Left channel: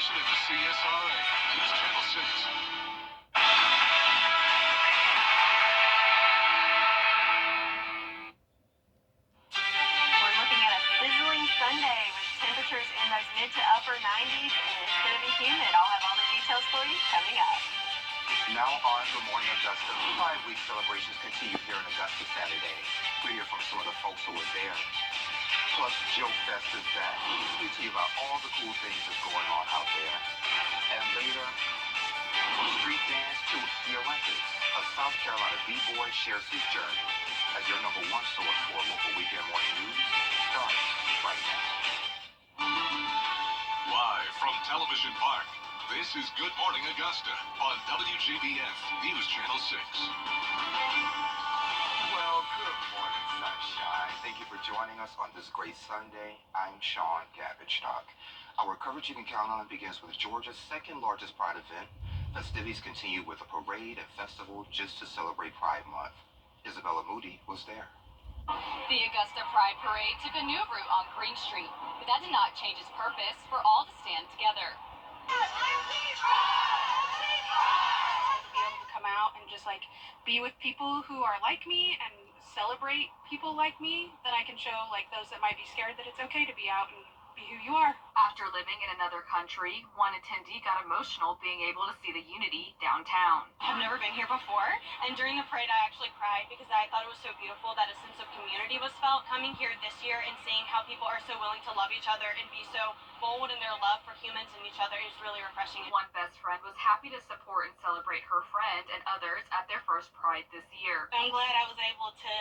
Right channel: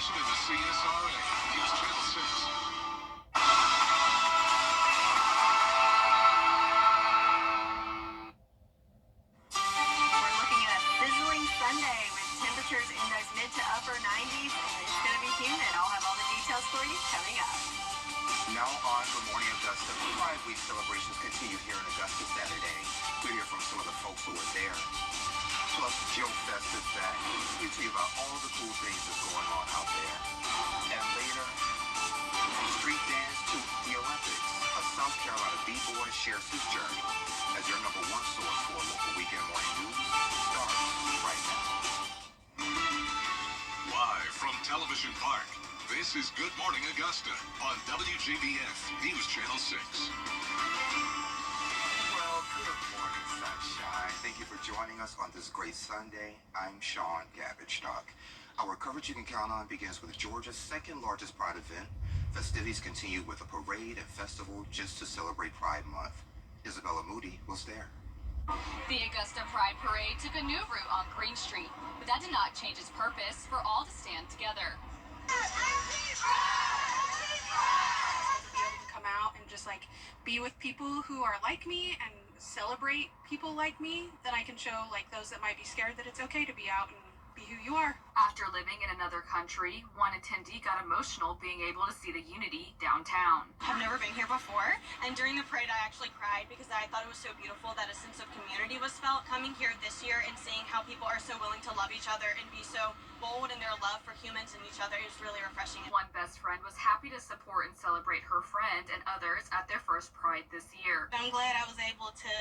station in the CSRA, News Channel 6. We're looking at a sizzling Sunday with temperatures in those mid to upper 90s, and it's going to be humid. I'll have all the details for you coming up. Now on Good Morning Augusta, Pride Week celebrations continue here in Augusta Saturday. We hear from some of the folks who were there. Plus, Joke Fest is back. We tell you about all the cool things that's going on out there. And later, from street dance to the Olympics, a South Carolina b-boy shares his journey as your #1 source for local weekend morning news starts right now. Live from Television Park, this is Good Morning Augusta on WJBF News Channel 6. Well, good morning, sunshine. Thank you for joining us on this great Sunday. I'm Sean Gabbichstock. Our coverage you can count on begins with Georgia's second largest Pride event. Festivities continue with a parade and festival just to celebrate Pride Month. Isabella Moody was there. The Augusta Pride Parade took a new route on Green Street, but that did not change its purpose for all to stand together. To be able to come out and just be with people who are like me and celebrate people like me, then I can show those that might be scared that it's okay to be out and be who you are. After living in another country, one attendee got emotional being able to see the unity downtown. I've never been here before, and during the parade I actually cried because I thought it was so beautiful that a sense of community was felt. Coming here this year and seeing how people are so willing to love each other and be so bold in their love for humans and each other is really refreshing. One best friend was happy to support and celebrate her friend and others at their first Pride this year. I'm glad I was able to,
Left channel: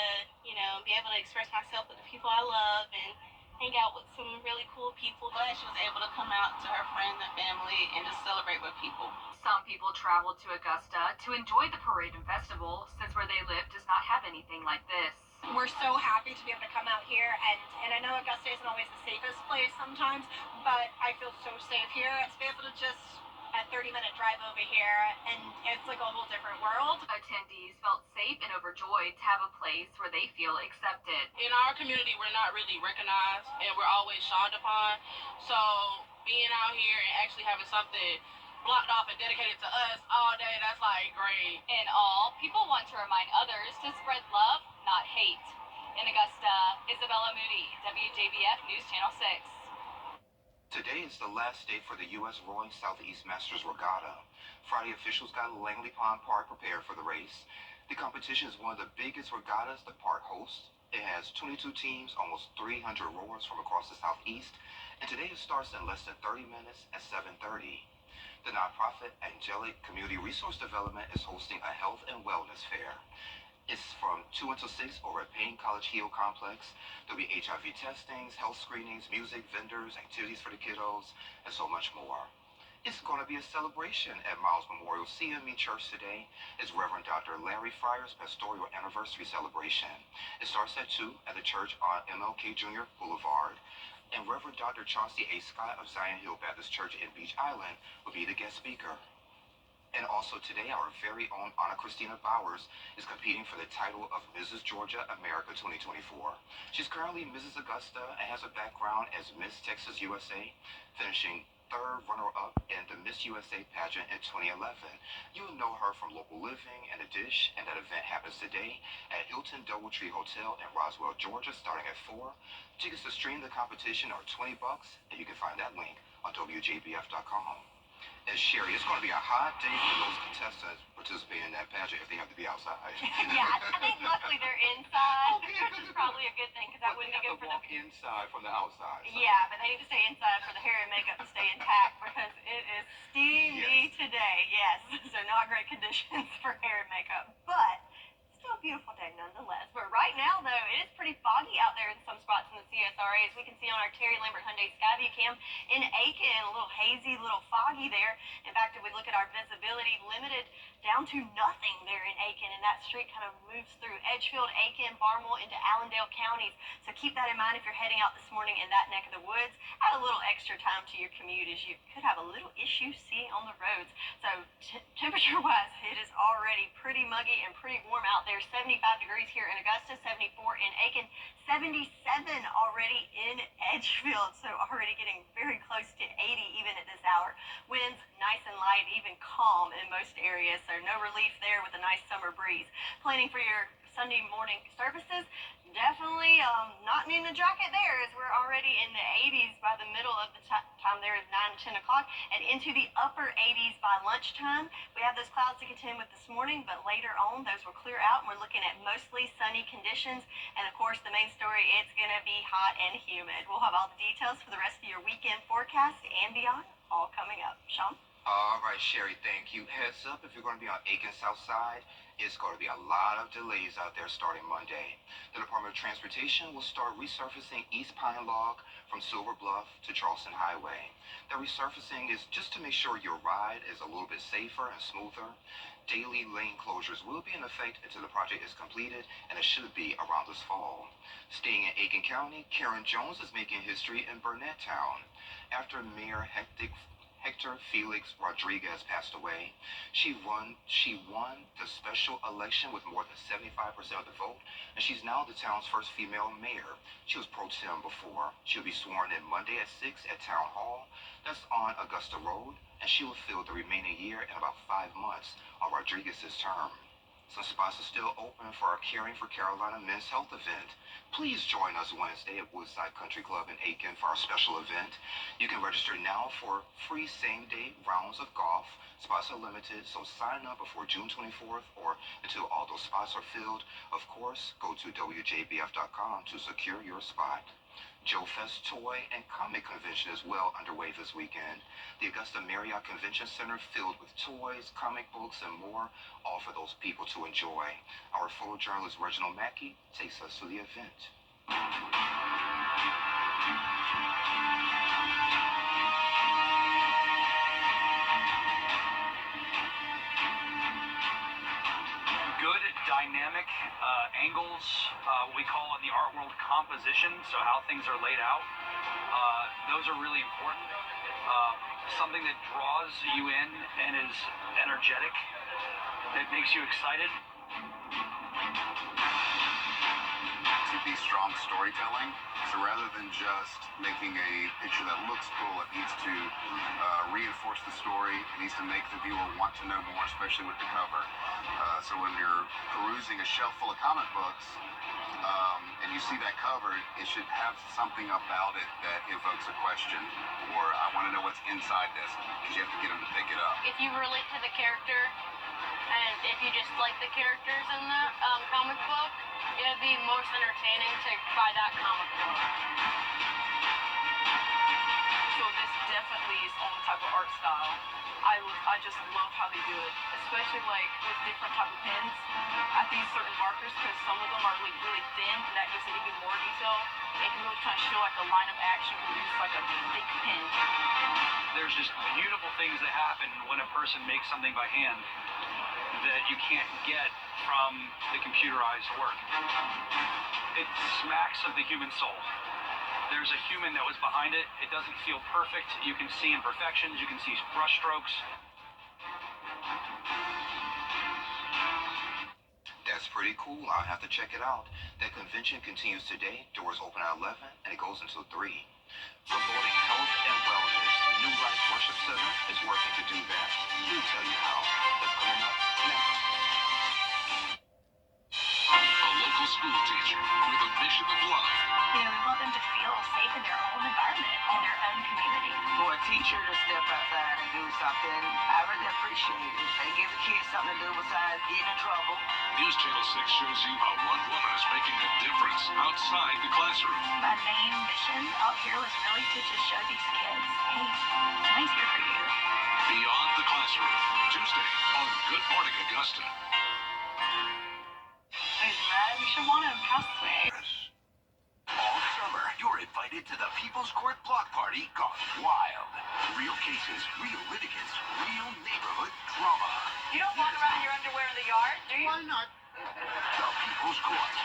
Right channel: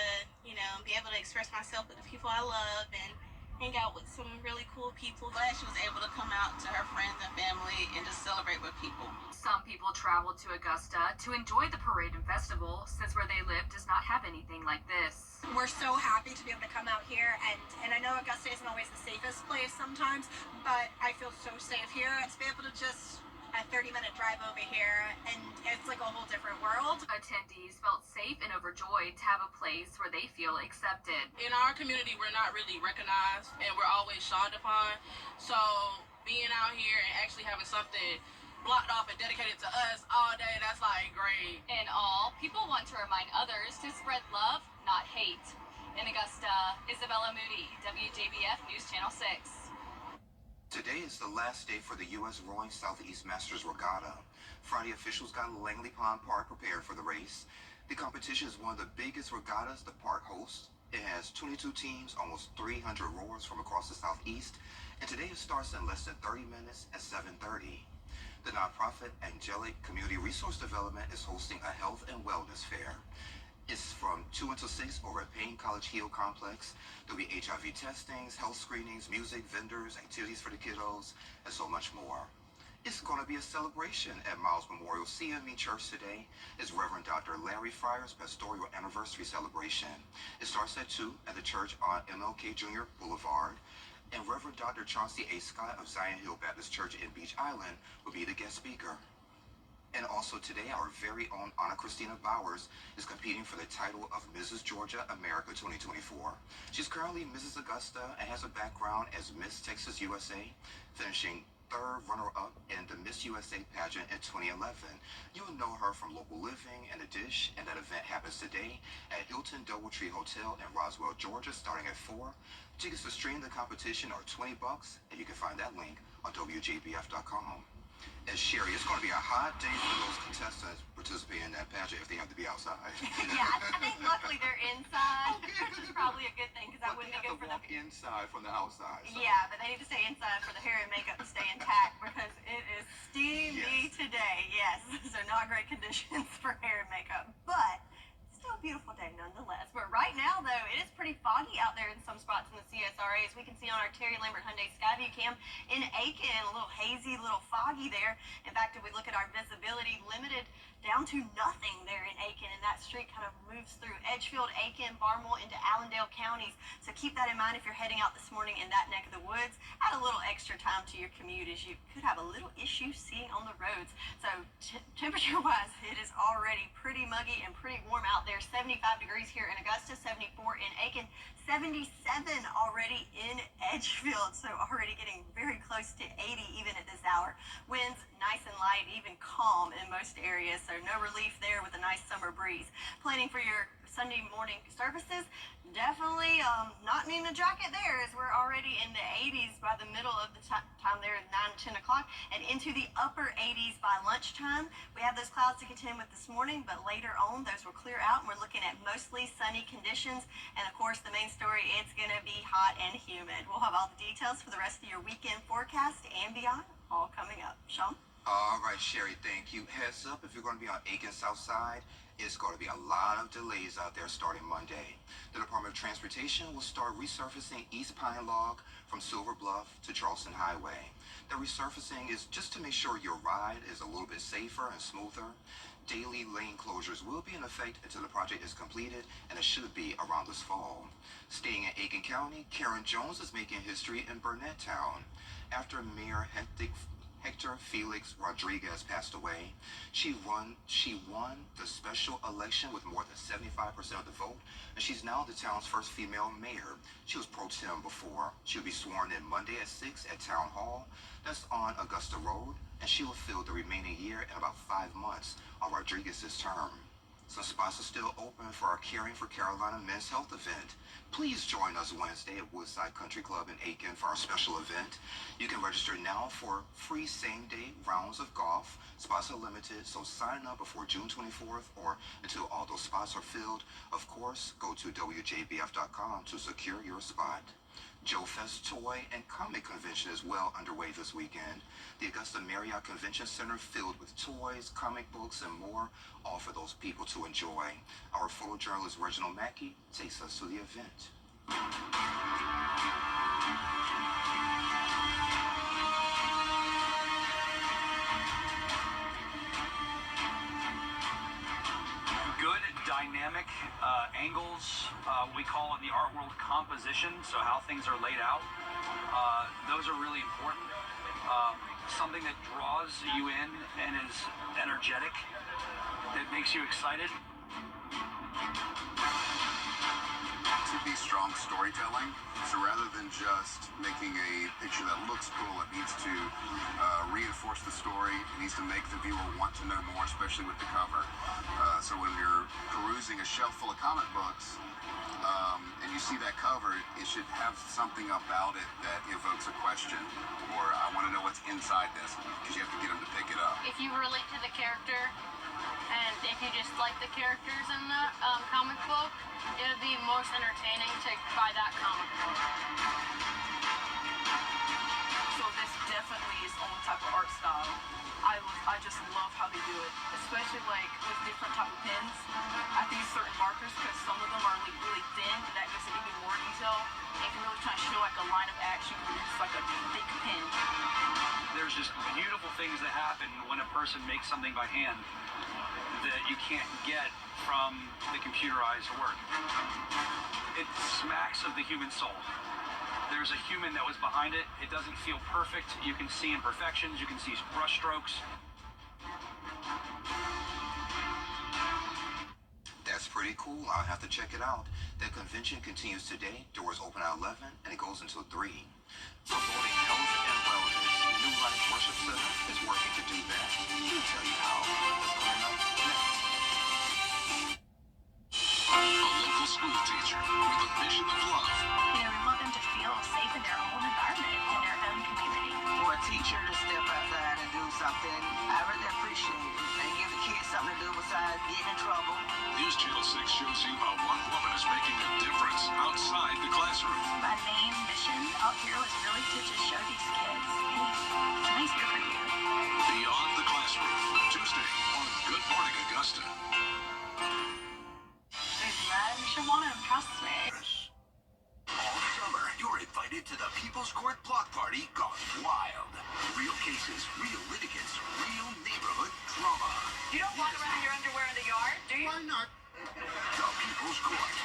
be able to express myself with the people I love and hang out with some really cool people. Glad she was able to come out to her friends and family and just celebrate with people. Some people traveled to Augusta to enjoy the parade and festival since where they live does not have anything like this. We're so happy to be able to come out here, and I know Augusta isn't always the safest place sometimes, but I feel so safe here. To be able to just a 30-minute drive over here, and it's like a whole different world. Attendees felt safe and overjoyed to have a place where they feel accepted. In our community, we're not really recognized and we're always shunned upon. So being out here and actually having something blocked off and dedicated to us all day, that's great. In all, people want to remind others to spread love, not hate. In Augusta, Isabella Moody, WJBF News Channel 6. Today is the last day for the U.S. Rowing Southeast Masters Regatta. Friday, officials got Langley Pond Park prepared for the race. The competition is one of the biggest regattas the park hosts. It has 22 teams, almost 300 rowers from across the Southeast, and today it starts in less than 30 minutes at 7:30. The nonprofit Angelic Community Resource Development is hosting a health and wellness fair. It's from 2 until 6 over at Payne College Hill Complex. There'll be HIV testings, health screenings, music, vendors, activities for the kiddos, and so much more. It's going to be a celebration at Miles Memorial CME Church today. It's Reverend Dr. Larry Fryer's pastoral anniversary celebration. It starts at 2 at the church on MLK Jr. Boulevard. And Reverend Dr. Chauncey A. Scott of Zion Hill Baptist Church in Beach Island will be the guest speaker. And also today, our very own Anna Christina Bowers is competing for the title of Mrs. Georgia America 2024. She's currently Mrs. Augusta and has a background as Miss Texas USA, finishing third runner-up in the Miss USA pageant in 2011. You'll know her from Local Living and The Dish, and that event happens today at Hilton Doubletree Hotel in Roswell, Georgia, starting at 4. Tickets to stream the competition are $20, and you can find that link on WJBF.com. And Sherry, it's going to be a hot day for those contestants participating in that pageant if they have to be outside. Yeah, I think luckily they're inside, Okay, which is probably a good thing because that But they wouldn't be have good to for walk inside from the outside. So. Yeah, but they need to stay inside for the hair and makeup to stay intact because it is steamy today. Yes, so not great conditions for hair and makeup, but still a beautiful day nonetheless. But right now, though, it is pretty foggy out there in some spots in the CSRA, as we can see on our Terry Lambert Hyundai Skyview cam in Aiken. A little hazy, a little foggy there. In fact, if we look at our visibility, limited down to nothing there in Aiken, and that street kind of moves through Edgefield, Aiken, Barnwell into Allendale counties. So keep that in mind if you're heading out this morning in that neck of the woods. Add a little extra time to your commute, as you could have a little issue seeing on the roads. So temperature-wise, it is already pretty muggy and pretty warm out there. 75 degrees here in Augusta, 74 in Aiken, 77 already in Edgefield. So already getting very close to 80 even at this hour. Winds nice and light, even calm in most areas, so no relief there with a nice summer breeze. Planning for your Sunday morning services, definitely not needing a jacket there, as we're already in the 80s by the middle of the time there, 9 to 10 o'clock, and into the upper 80s by lunchtime. We have those clouds to contend with this morning, but later on those will clear out, and we're looking at mostly sunny conditions. And of course, the main story, it's going to be hot and humid. We'll have all the details for the rest of your weekend forecast and beyond, all coming up. Sean? All right, Sherry, thank you. Heads up, if you're going to be on Aiken South Side, it's going to be a lot of delays out there starting Monday. The Department of Transportation will start resurfacing East Pine Log from Silver Bluff to Charleston Highway. The resurfacing is just to make sure your ride is a little bit safer and smoother. Daily lane closures will be in effect until the project is completed, and it should be around this fall. Staying in Aiken County, Karen Jones is making history in Burnett Town. After Mayor Hector Felix Rodriguez passed away, she won the special election with more than 75% of the vote, and she's now the town's first female mayor. She was pro tem before. She'll be sworn in Monday at 6 at Town Hall. That's on Augusta Road, and she will fill the remaining year in about 5 months of Rodriguez's term. Some spots are still open for our Caring for Carolina Men's Health event. Please join us Wednesday at Woodside Country Club in Aiken for our special event. You can register now for free same-day rounds of golf. Spots are limited, so sign up before June 24th or until all those spots are filled. Of course, go to WJBF.com to secure your spot. Joe Fest Toy and Comic Convention is well underway this weekend. The Augusta Marriott Convention Center filled with toys, comic books, and more, all for those people to enjoy. Our photojournalist Reginald Mackey takes us to the event. Good dynamic angles, we call in the art world composition, so how things are laid out. Those are really important. Something that draws you in and is energetic, that makes you excited. To be strong storytelling, so rather than just making a picture that looks cool, it needs to reinforce the story. It needs to make the viewer want to know more, especially with the cover. So when you're perusing a shelf full of comic books and you see that cover, it should have something about it that evokes a question, or I want to know what's inside this, because you have to get them to pick it up. If you relate to the character, and if you just like the characters in that comic book, it would be most entertaining to buy that comic book. So this definitely is own type of art style. I just love how they do it, especially like with different type of pens. I think certain markers, because some of them are like really thin, and that gives it even more detail. It can really kind of show like a line of action when you use like a thick pen. There's just beautiful things that happen when a person makes something by hand that you can't get from the computerized work. It smacks of the human soul. There's a human that was behind it. It doesn't feel perfect. You can see imperfections. You can see brush strokes. That's pretty cool. I'll have to check it out. The convention continues today. Doors open at 11 and it goes until 3. Promoting health and wellness, New Life Worship Center is working to do that. We'll tell you how. That's coming up next. A local school teacher with a mission of love. You know, we want them to feel safe in their own environment, in their own community. For a teacher to step outside and do something, I really appreciate it. They give the kids something to do besides getting in trouble. News Channel 6 shows you how one woman is making a difference outside the classroom. My main mission out here was really to just show these kids, hey, somebody's here for you. Beyond the Classroom, Tuesday on Good Morning Augusta. Shawana Houseway. All summer, you're invited to the People's Court Block Party gone wild. Real cases, real litigants, real neighborhood drama. You don't walk around in your underwear in the yard, do you? Why not? The People's Court.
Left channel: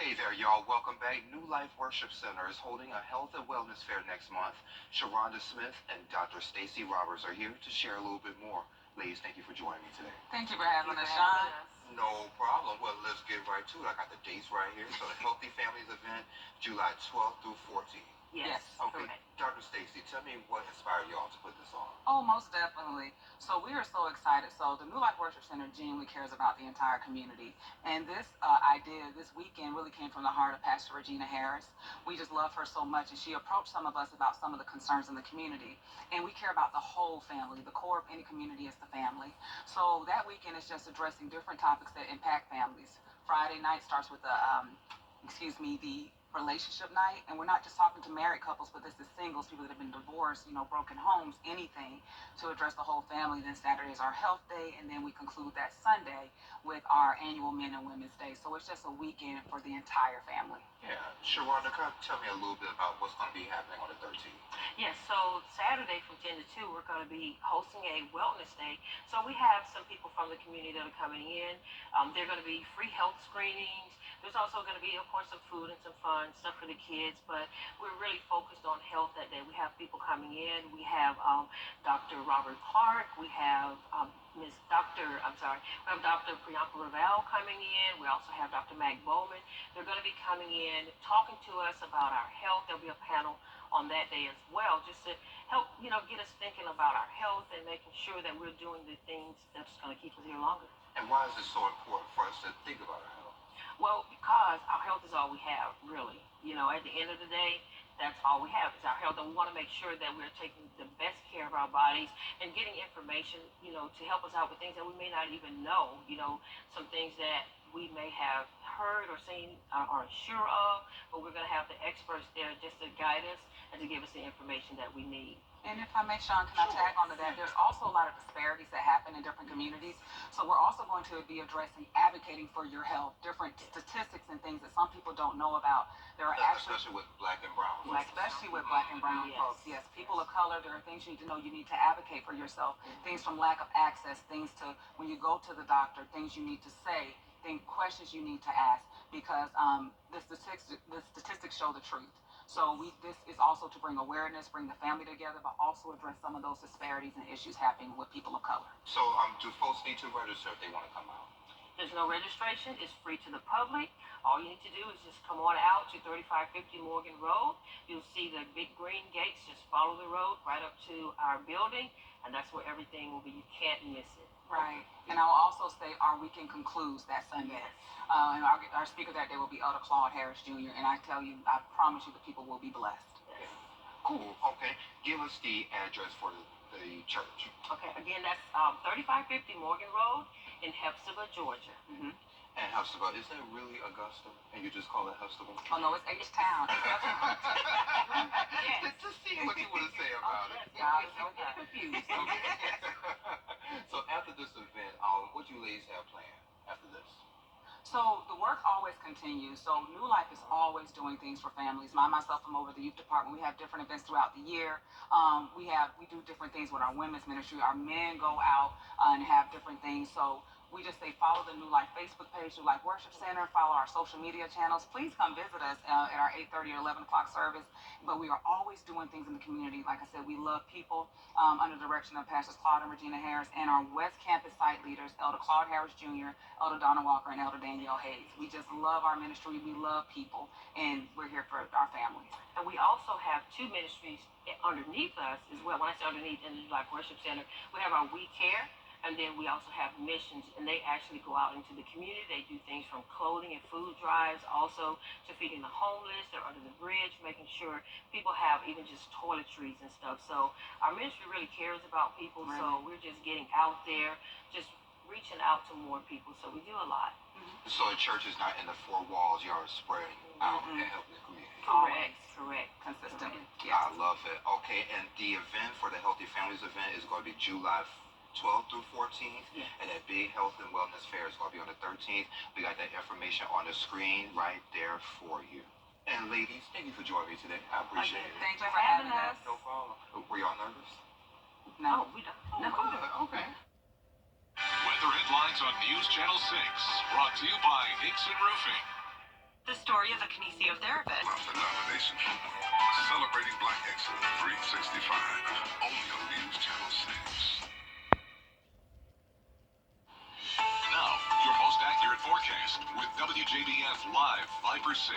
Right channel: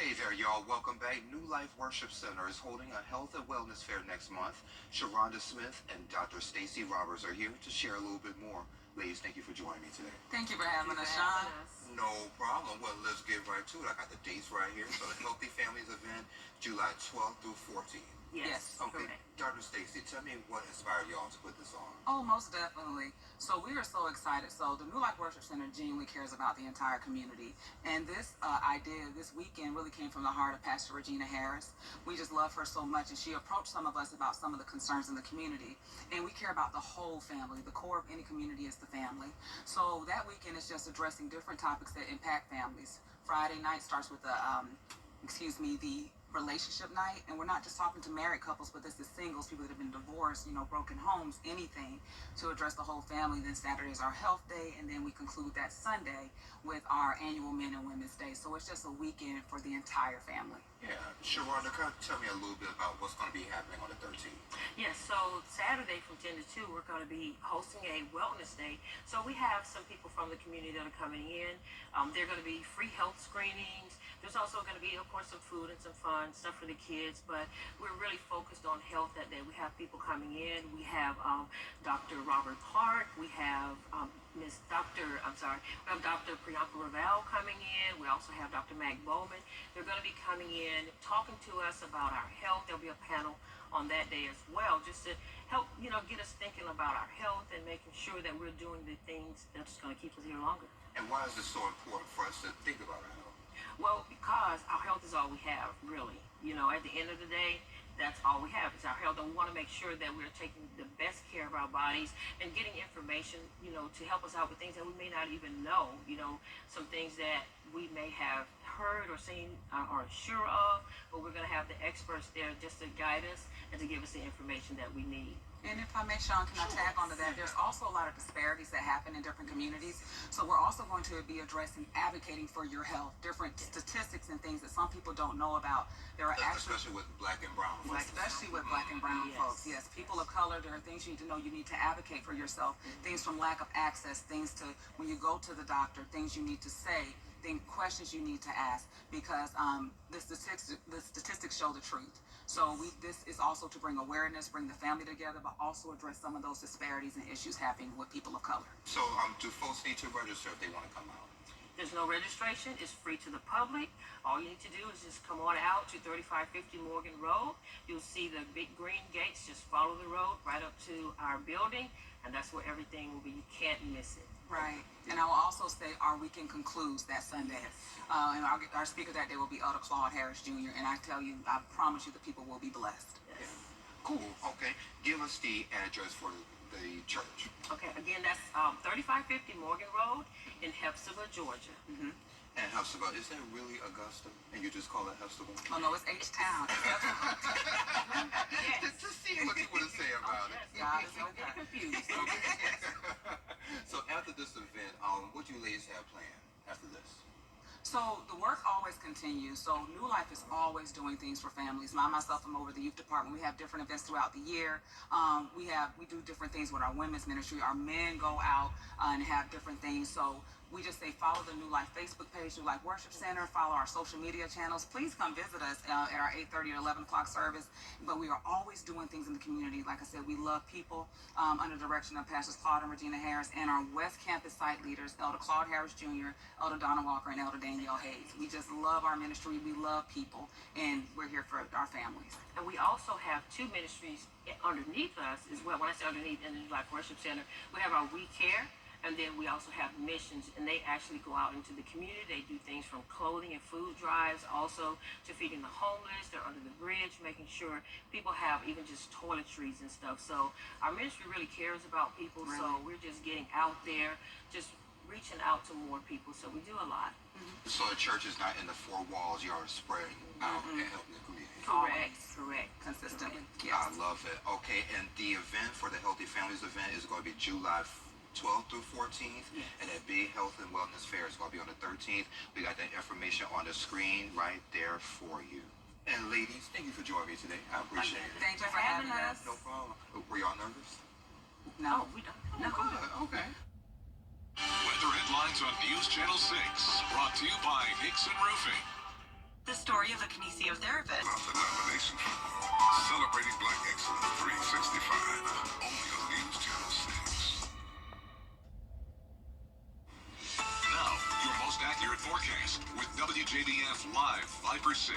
Hey there, y'all. Welcome back. New Life Worship Center is holding a health and wellness fair next month. Sharonda Smith and Dr. Stacy Roberts are here to share a little bit more. Ladies, thank you for joining me today. Thank you for having us, Sean. No problem. Well, let's get right to it. I got the dates right here. So the Healthy Families event, July 12th through 14th. Yes. Okay, Correct. Dr. Stacy, tell me what inspired y'all to put this on. Oh, most definitely. So we are so excited. So the New Life Worship Center genuinely cares about the entire community. And this idea this weekend really came from the heart of Pastor Regina Harris. We just love her so much, and she approached some of us about some of the concerns in the community. And we care about the whole family. The core of any community is the family. So that weekend is just addressing different topics that impact families. Friday night starts with the relationship night, and we're not just talking to married couples, but this is singles, people that have been divorced, broken homes, anything to address the whole family. Then Saturday is our health day, and then we conclude that Sunday with our annual Men and Women's Day. So it's just a weekend for the entire family. Yeah, Sharonda, tell me a little bit about what's going to be happening on the 13th. Yes, so Saturday from 10 to 2, we're going to be hosting a wellness day. So we have some people from the community that are coming in. They're going to be free health screenings. There's also going to be, of course, some food and some fun stuff for the kids, but we're really focused on health that day. We have people coming in. We have Dr. Robert Park. We have we have Dr. Priyanka Raval coming in. We also have Dr. Mac Bowman. They're going to be coming in, talking to us about our health. There'll be a panel on that day as well, just to help, get us thinking about our health and making sure that we're doing the things that's going to keep us here longer. And why is it so important for us to think about our health? Well, because our health is all we have, really. At the end of the day, that's all we have is our health. And we want to make sure that we're taking the best care of our bodies and getting information, to help us out with things that we may not even know. Some things that we may have heard or seen or sure of, but we're going to have the experts there just to guide us and to give us the information that we need. And if I may, Sean, can I tag onto that? There's also a lot of disparities that happen in different communities. So we're also going to be addressing advocating for your health, different statistics and things that some people don't know about. There are especially with black and brown folks. Especially with black and brown folks, yes. People of color, there are things you need to know. You need to advocate for yourself. Things from lack of access, things to when you go to the doctor, things you need to say, questions you need to ask, because the statistics show the truth. So this is also to bring awareness, bring the family together, but also address some of those disparities and issues happening with people of color. So do folks need to register if they want to come out? There's no registration. It's free to the public. All you need to do is just come on out to 3550 Morgan Road. You'll see the big green gates. Just follow the road right up to our building, and that's where everything will be. You can't miss it. Right. And I will also say our weekend concludes that Sunday. Yes. And our speaker that day will be Elder Claude Harris Jr. And I promise you the people will be blessed. Yes. Cool. Okay. Give us the address for the church. Okay. Again, that's 3550 Morgan Road in Hephzibah, Georgia. Mm-hmm. And Hephzibah, is that really Augusta? And you just call it Hephzibah? Oh, no, it's H-Town. Yes. To see what you want to say about it. God is so confused. So after this event, what do you ladies have planned after this? So the work always continues. So New Life is always doing things for families. Myself, I'm over the youth department. We have different events throughout the year. We do different things with our women's ministry. Our men go out and have different things. So we just say follow the New Life Facebook page, New Life Worship Center, follow our social media channels. Please come visit us at our 8:30 or 11 o'clock service. But we are always doing things in the community. Like I said, we love people under the direction of Pastors Claude and Regina Harris and our West Campus site leaders, Elder Claude Harris Jr., Elder Donna Walker, and Elder Danielle Hayes. We just love our ministry. We love people, and we're here for our families. And we also have two ministries underneath us as well. When I say underneath in the New Life Worship Center, we have our We Care. And then we also have missions, and they actually go out into the community. They do things from clothing and food drives, also to feeding the homeless. They're under the bridge, making sure people have even just toiletries and stuff. So our ministry really cares about people. Really? So we're just getting out there, just reaching out to more people. So we do a lot. Mm-hmm. So the church is not in the four walls. You're spreading out and helping the community. Correct. Consistently. Yes. I love it. Okay, and the event for the Healthy Families event is going to be July 12th through 14th, yes. And that big health and wellness fair is going to be on the 13th. We got that information on the screen right there for you. And ladies, thank you for joining me today. I appreciate it. Thank you for having us. No problem. Were y'all nervous? No. We don't. No. Okay. Weather headlines on News Channel 6, brought to you by Nixon Roofing. The story of a kinesiotherapist. The nomination for Celebrating Black Excellence 365, only on News Channel 6. Now, your most accurate forecast with WJBF Live Viper 6.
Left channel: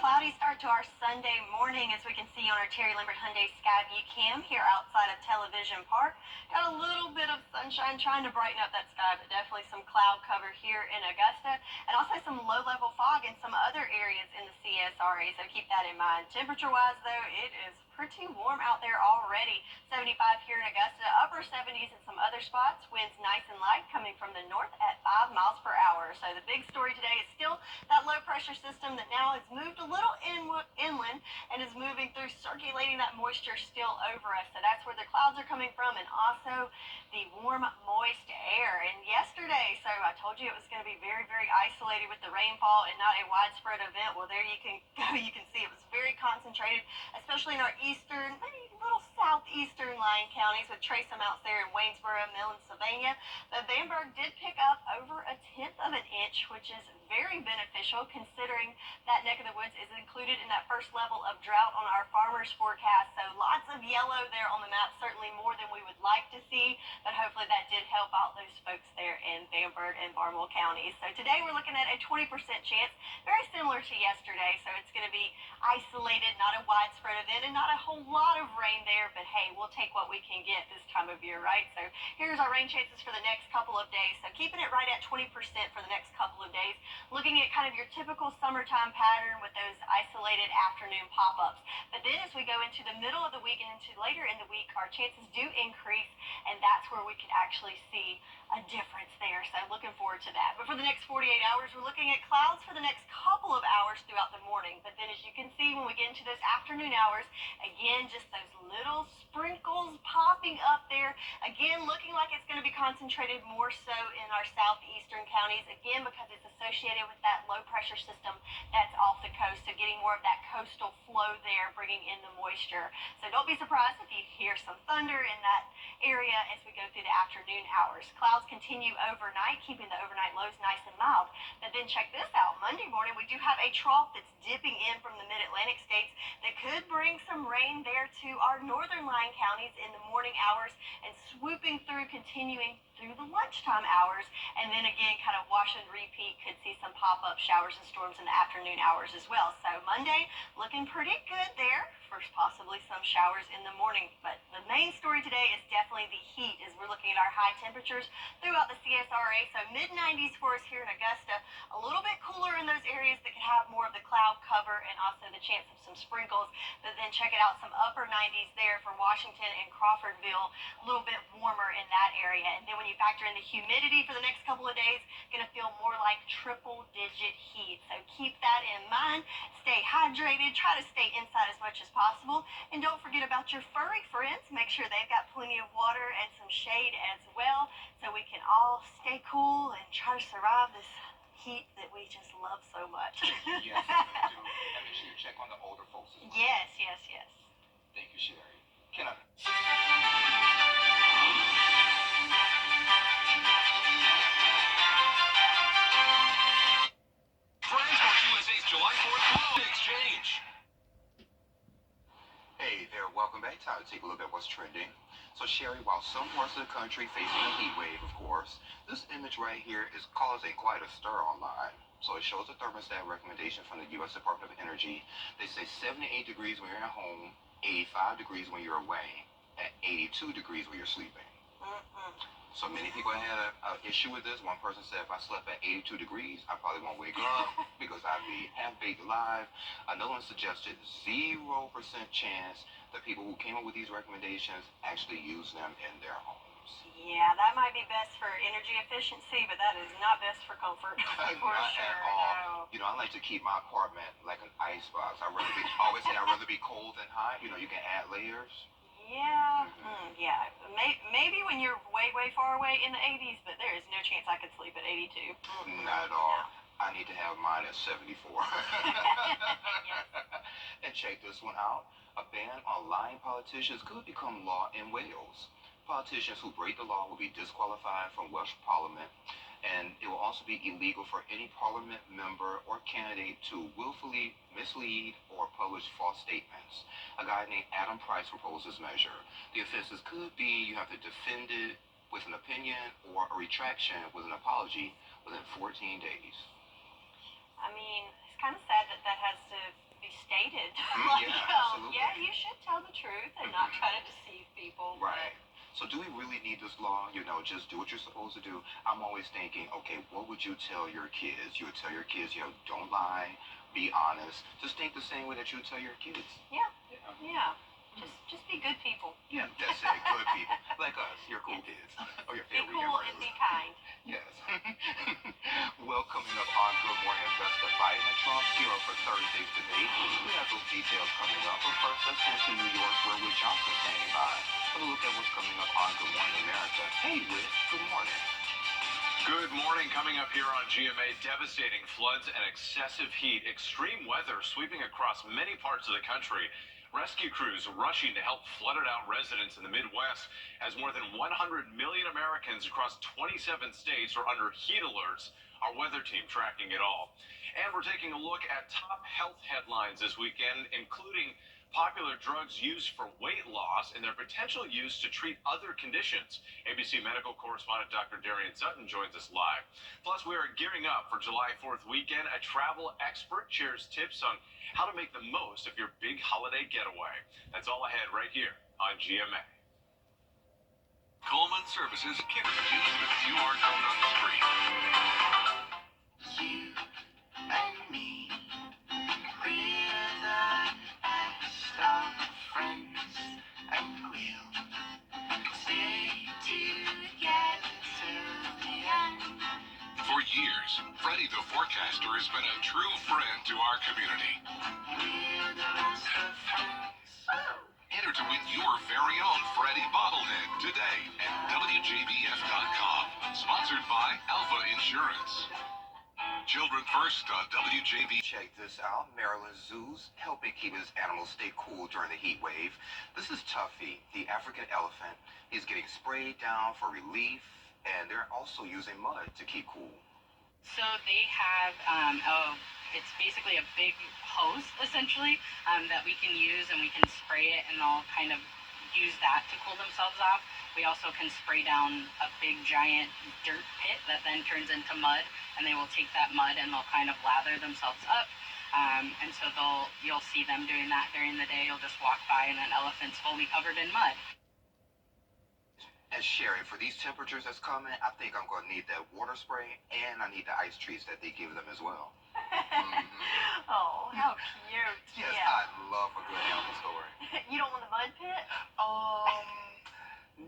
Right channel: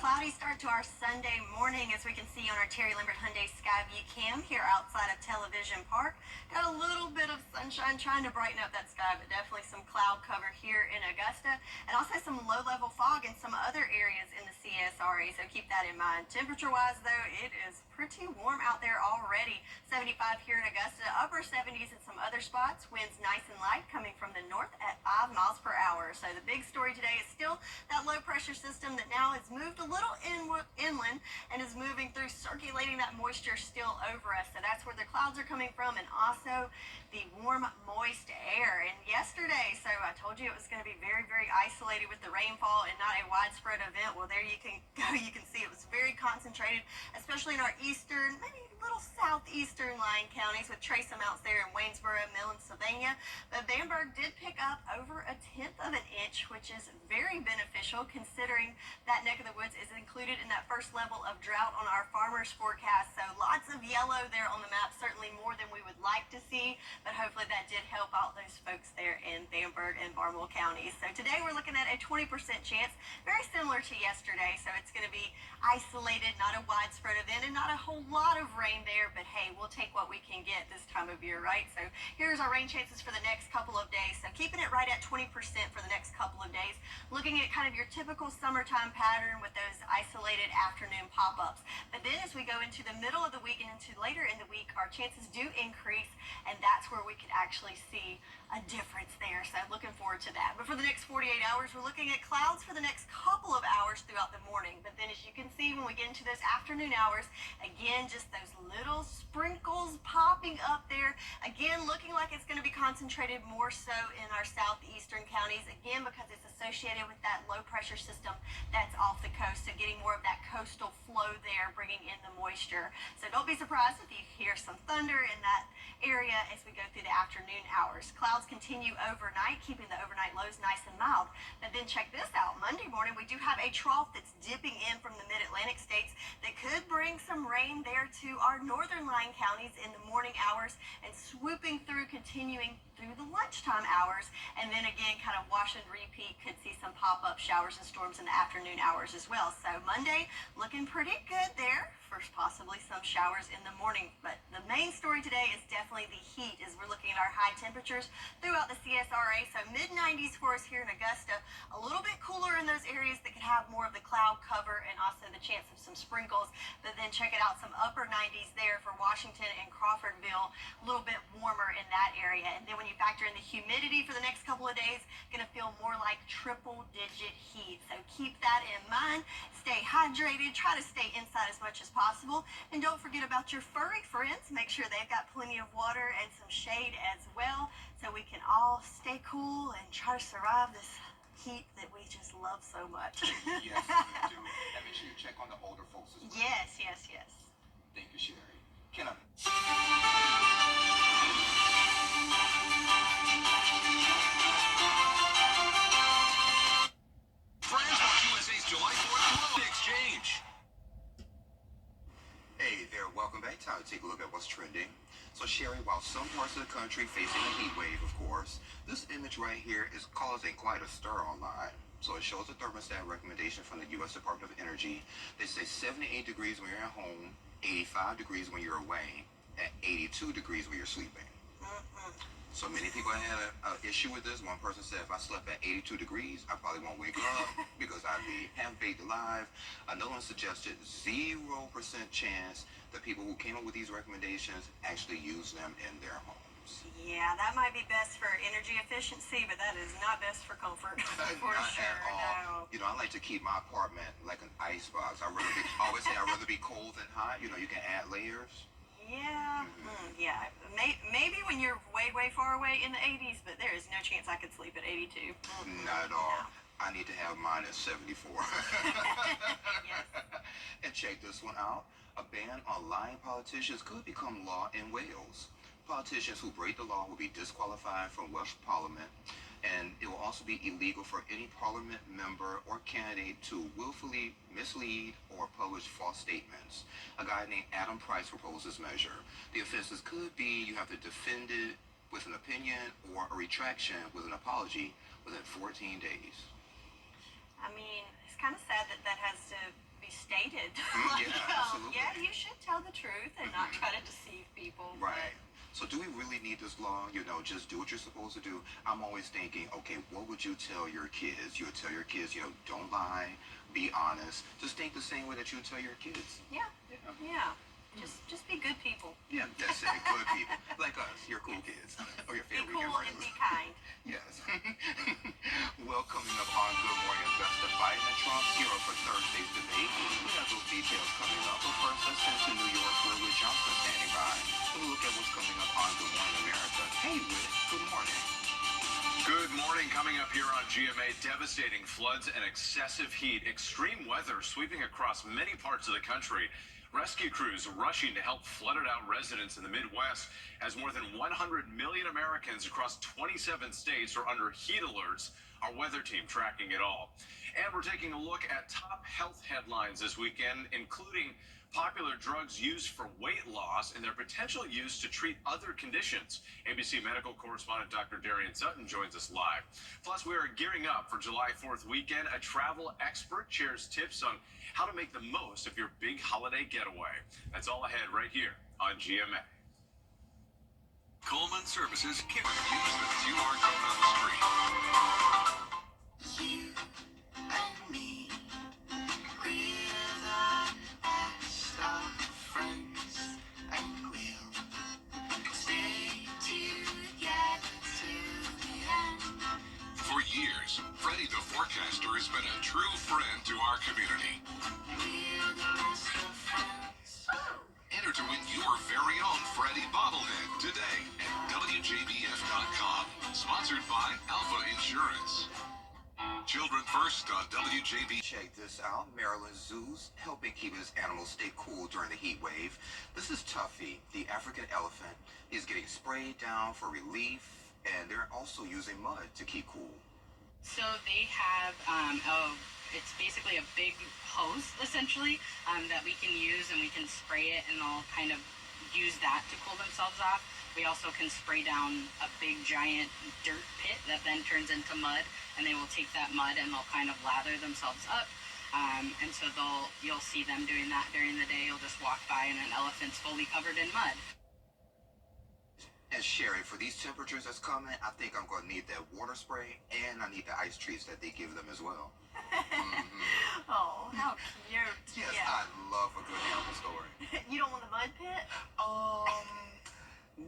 Cloudy cloudy start to our Sunday morning, as we can see on our Terry Lambert Hyundai Skyview cam here outside of Television Park. Got a little bit of sunshine trying to brighten up that sky, but definitely some cloud cover here in Augusta, and also some low-level fog in some other areas in the CSRA, so keep that in mind. Temperature-wise, though, it is pretty warm out there already. 75 here in Augusta, upper 70s in some other spots. Winds nice and light coming from the north at 5 miles per hour. So the big story today is still that low pressure system that now has moved a little inland and is moving through, circulating that moisture still over us. So that's where the clouds are coming from, and also the warm, moist air. And yesterday, so I told you it was going to be very, very isolated with the rainfall and not a widespread event. Well, there you can go. You can see it was very concentrated, especially in our eastern, maybe little southeastern lying counties, with trace amounts there in Waynesboro, Millen, Sylvania. But Bamberg did pick up over 1/10 of an inch, which is very beneficial considering that neck of the woods is included in that first level of drought on our farmers forecast. So lots of yellow there on the map, certainly more than we would like to see, but hopefully that did help out those folks there in Bamberg and Barnwell counties. So today we're looking at a 20% chance, very similar to yesterday. So it's going to be isolated, not a widespread event, and not a whole lot of rain there, but hey, we'll take what we can get this time of year, right? So here's our rain chances for the next couple of days. So keeping it right at 20% for the next couple of days, looking at kind of your typical summertime pattern with those isolated afternoon pop-ups. But then as we go into the middle of the week and into later in the week, our chances do increase, and that's where we could actually see a difference there. So looking forward to that. But for the next 48 hours, we're looking at clouds for the next couple of hours throughout the morning. But then as you can see, when we get into those afternoon hours, again, just those little sprinkles popping up there. Again, looking like it's going to be concentrated more so in our southeastern counties, again, because it's associated with that low pressure system that's off the coast. So getting more of that coastal flow there, bringing in the moisture. So don't be surprised if you hear some thunder in that area as we go through the afternoon hours. Clouds continue overnight, keeping the overnight lows nice and mild. But then check this out. Monday morning, we do have a trough that's dipping in from the mid-Atlantic states that could bring some rain there to our northern lying counties in the morning hours and swooping through, continuing through the lunchtime hours. And then again, kind of wash and repeat, could see some pop-up showers and storms in the afternoon hours as well. So Monday, looking pretty good there. First, possibly some showers in the morning. But the main story today is definitely the heat, as we're looking at our high temperatures throughout the CSRA. So mid-90s for us here in Augusta, a little bit cooler in those areas that could have more of the cloud cover and also the chance of some sprinkles. But then check it out, some upper 90s there for Washington and Crawfordville, a little bit warmer in that area. And then when you factor in the humidity for the next couple of days, going to feel more like triple-digit heat. So keep that in mind. Stay hydrated. Try to stay inside as much as possible. And don't forget about your furry friends. Make sure they've got plenty of water and some shade as well, so we can all stay cool and try to survive this heat that we just love so much. Yes, we do. And make sure you check on the older folks as well. Yes, yes, yes. Thank you, Sherry. Can I? Transport USA's July 4th Globe Exchange. Hey there, welcome back. Time to take a look at what's trending. So Sherry, while some parts of the country facing a heat wave, of course, this image right here is causing quite a stir online. So it shows a thermostat recommendation from the U.S. Department of Energy. They say 78 degrees when you're at home, 85 degrees when you're away, and 82 degrees when you're sleeping. So many people had an issue with this. One person said, if I slept at 82 degrees, I probably won't wake up because I'd be half-baked alive. Another one suggested 0% chance that people who came up with these recommendations actually use them in their homes. Yeah, that might be best for energy efficiency, but that is not best for comfort. For Not sure, at all. no. You know, I like to keep my apartment like an icebox. I always say I'd rather be cold than hot. You know, you can add layers. Yeah, yeah. Maybe when you're way, way far away in the 80s, but there is no chance I could sleep at 82. Not at all. I need to have mine at 74. Yes. And check this one out. A ban on lying politicians could become law in Wales. Politicians who break the law will be disqualified from Welsh Parliament, and it will also be illegal for any Parliament member or candidate to willfully mislead or publish false statements. A guy named Adam Price proposed this measure. The offenses could be you have to defend it with an opinion or a retraction with an apology within 14 days. I mean, it's kind of sad that that has to be Like, Yeah, absolutely. yeah, you should tell the truth and not try to deceive people. Right. So do we really need this law? You know, just do what you're supposed to do. I'm always thinking, okay, what would you tell your kids? You would tell your kids, you know, don't lie, be honest. Just think the same way that you would tell your kids. Yeah. Yeah. Just be good people. Yeah, that's it. Good people. Like us. You're cool kids. Or your Be favorite cool and be kind. Yes. Well, coming up on Good Morning Augusta, Biden and Trump gear up for Thursday's debate. We have those details coming up. But first, let's head to New York, where Whit Johnson's standing by. Have a look at what's coming up on Good Morning America. Hey, Whit. Good morning. Good morning. Coming up here on GMA, devastating floods and excessive heat. Extreme weather sweeping across many parts of the country. Rescue crews rushing to help flooded out residents in the Midwest as more than 100 million Americans across 27 states are under heat alerts. Our weather team tracking it all. And we're taking a look at top health headlines this weekend, including popular drugs used for weight loss and their potential use to treat other conditions. ABC medical correspondent Dr. Darian Sutton joins us live. Plus, we are gearing up for July 4th weekend. A travel expert shares tips on how to make the most of your big holiday getaway. That's all ahead right here on GMA. Coleman Services can use the QR code on the screen. You and me, we're the best of friends, and we'll stay together till the end. For years, Freddie the Forecaster has been a true friend to our community. We're the best of friends. Enter to win your very own Freddie bobblehead today at WJBF.com. Sponsored by Alpha Insurance. Children First on WJB. Check this out. Maryland Zoo's helping keep his animals stay cool during the heat wave. This is Tuffy, the African elephant. He's getting sprayed down for relief, and they're also using mud to keep cool. So they have it's basically a big hose, essentially, that we can use, and we can spray it, and they'll kind of use that to cool themselves off. We also can spray down a big, giant dirt pit that then turns into mud, and they will take that mud and they'll kind of lather themselves up. And so you'll see them doing that during the day. You'll just walk by, and an elephant's fully covered in mud. And Sherry, for these temperatures that's coming, I think I'm going to need that water spray, and I need the ice treats that they give them as well. Oh, how cute. Yes, Yeah. I love a good animal story. You don't want the mud pit?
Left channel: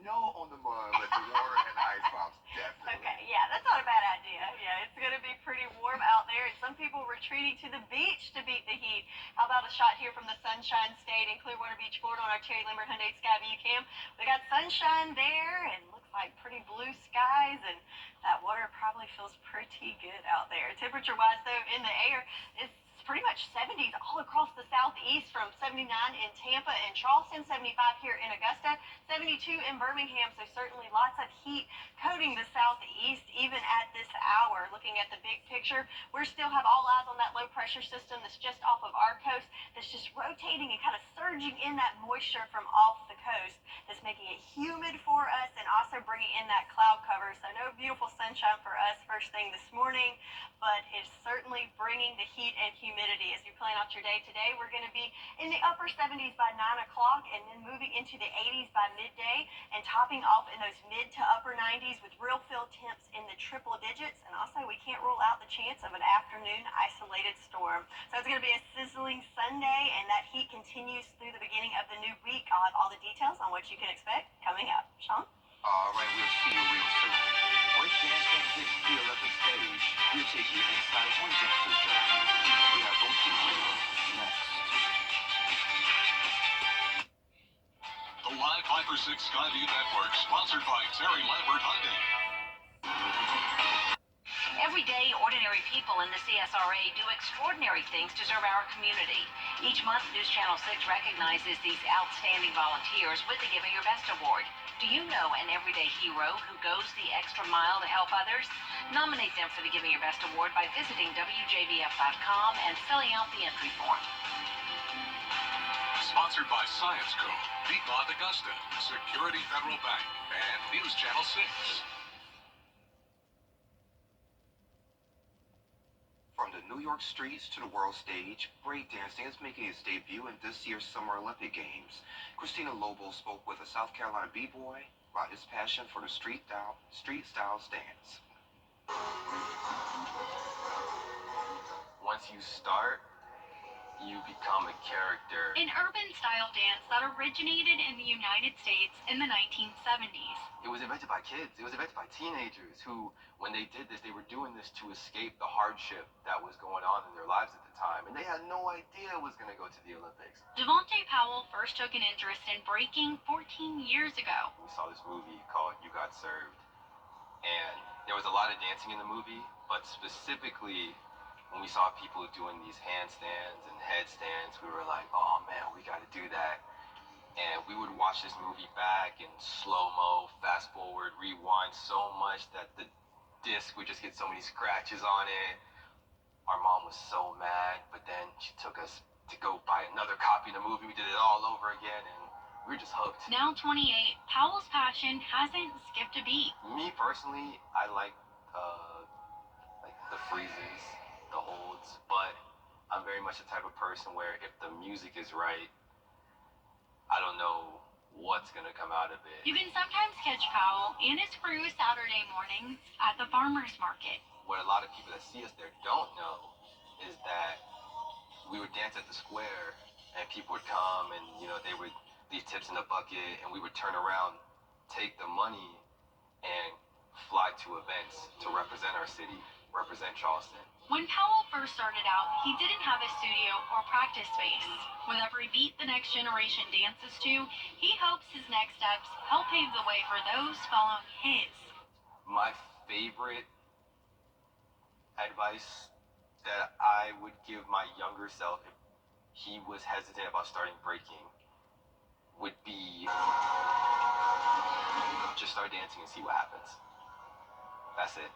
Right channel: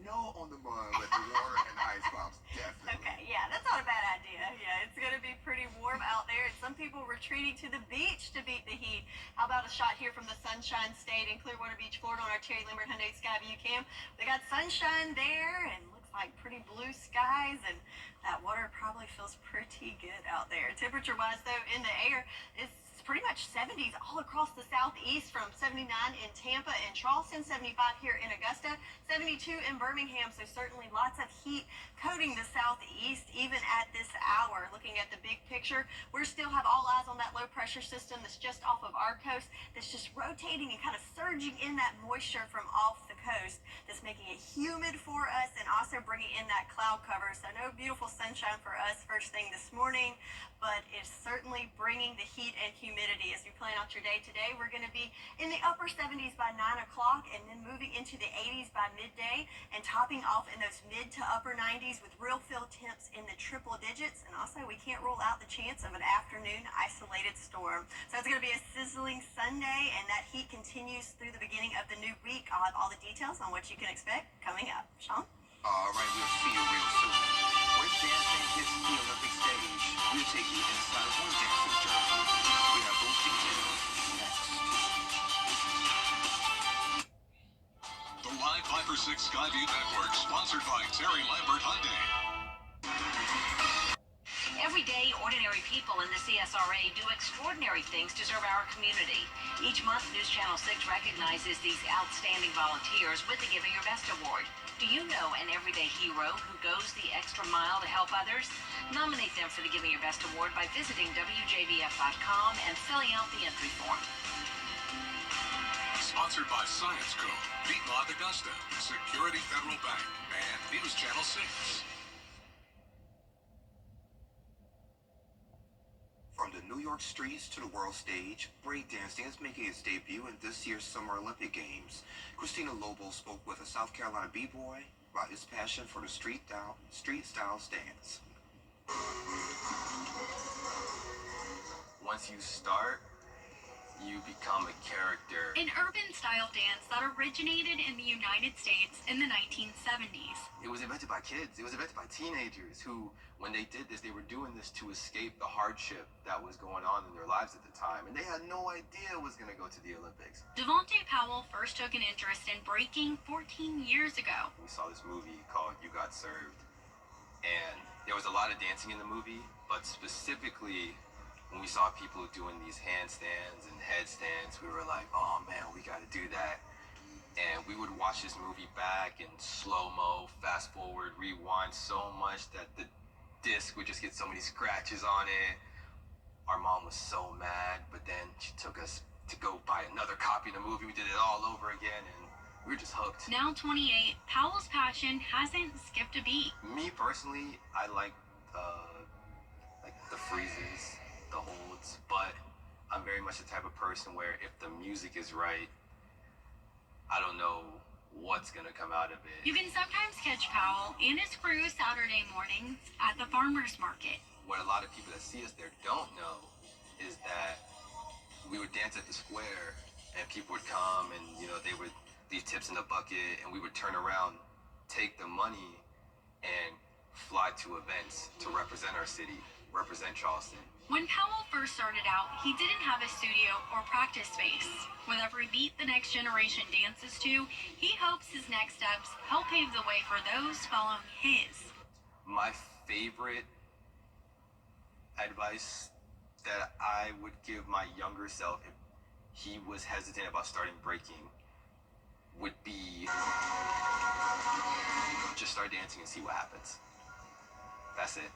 No on the mud, but the water and the ice pops, definitely. Okay, yeah, that's not a bad idea. Yeah, it's going to be pretty warm out there, and some people retreating to the beach to beat the heat. How about a shot here from the Sunshine State in Clearwater Beach, Florida on our Terry Lambert Hyundai Skyview cam. They got sunshine there and looks like pretty blue skies, and that water probably feels pretty good out there. Temperature-wise, though, in the air, it's pretty much 70s all across the southeast, from 79 in Tampa and Charleston, 75 here in Augusta, 72 in Birmingham. So certainly lots of heat coating the southeast even at this hour. Looking at the big picture, we still have all eyes on that low pressure system that's just off of our coast, that's just rotating and kind of surging in that moisture from off the coast, that's making it humid for us and also bringing in that cloud cover. So no beautiful sunshine for us first thing this morning, but it's certainly bringing the heat and humidity. As you plan out your day today, we're going to be in the upper 70s by 9 o'clock, and then moving into the 80s by midday, and topping off in those mid to upper 90s with real feel temps in the triple digits. And also, we can't rule out the chance of an afternoon isolated storm. So it's going to be a sizzling Sunday, and that heat continues through the beginning of the new week. I'll have all the details on what you can expect coming up. Sean? All right, we'll see you real soon. Breakdancing hits the Olympic stage. We'll take you inside one dancer's journey. We have those details next. The Live Viper 6 Skyview Network, sponsored by Terry Lambert Hyundai. Every day, ordinary people in the CSRA do extraordinary things to serve our community. Each month, News Channel 6 recognizes these outstanding volunteers with the Giving Your Best Award. Do you know an everyday hero who goes the extra mile to help others? Nominate them for the Giving Your Best Award by visiting WJBF.com and filling out the entry form. Sponsored by Science Co., Piedmont Augusta, Security Federal Bank, and News Channel 6. From the New York streets to the world stage, breakdancing is making its debut in this year's Summer Olympic Games. Christina Lobo spoke with a South Carolina b-boy about his passion for the street style dance. Once you start, you become a character. An urban style dance that originated in the United States in the 1970s. It was invented by kids. It was invented by teenagers who, when they did this, they were doing this to escape the hardship that was going on in their lives at the time. And they had no idea it was going to go to the Olympics. Devontae Powell first took an interest in breaking 14 years ago. We saw this movie called You Got Served. And there was a lot of dancing in the movie, but specifically when we saw people doing these handstands and headstands, we were like, oh man, we got to do that. And we would watch this movie back in slow-mo, fast forward, rewind so much that the disc would just get so many scratches on it. Our mom was so mad, but then she took us to go buy another copy of the movie. We did it all over again, and we were just hooked. Now 28, Powell's passion hasn't skipped a beat. Me personally, I like the freezes, the holds, but I'm very much the type of person where if the music is right, I don't know what's gonna come out of it. You can sometimes catch Powell and his crew Saturday mornings at the farmer's market. What a lot of people that see us there don't know is that we would dance at the square and people would come and, you know, they would leave tips in the bucket and we would turn around, take the money and fly to events to represent our city, represent Charleston. When Powell first started out, he didn't have a studio or practice space. With every beat the next generation dances to, he hopes his next steps help pave the way for those following his. My favorite advice that I would give my younger self if he was hesitant about starting breaking would be just start dancing and see what happens. That's it.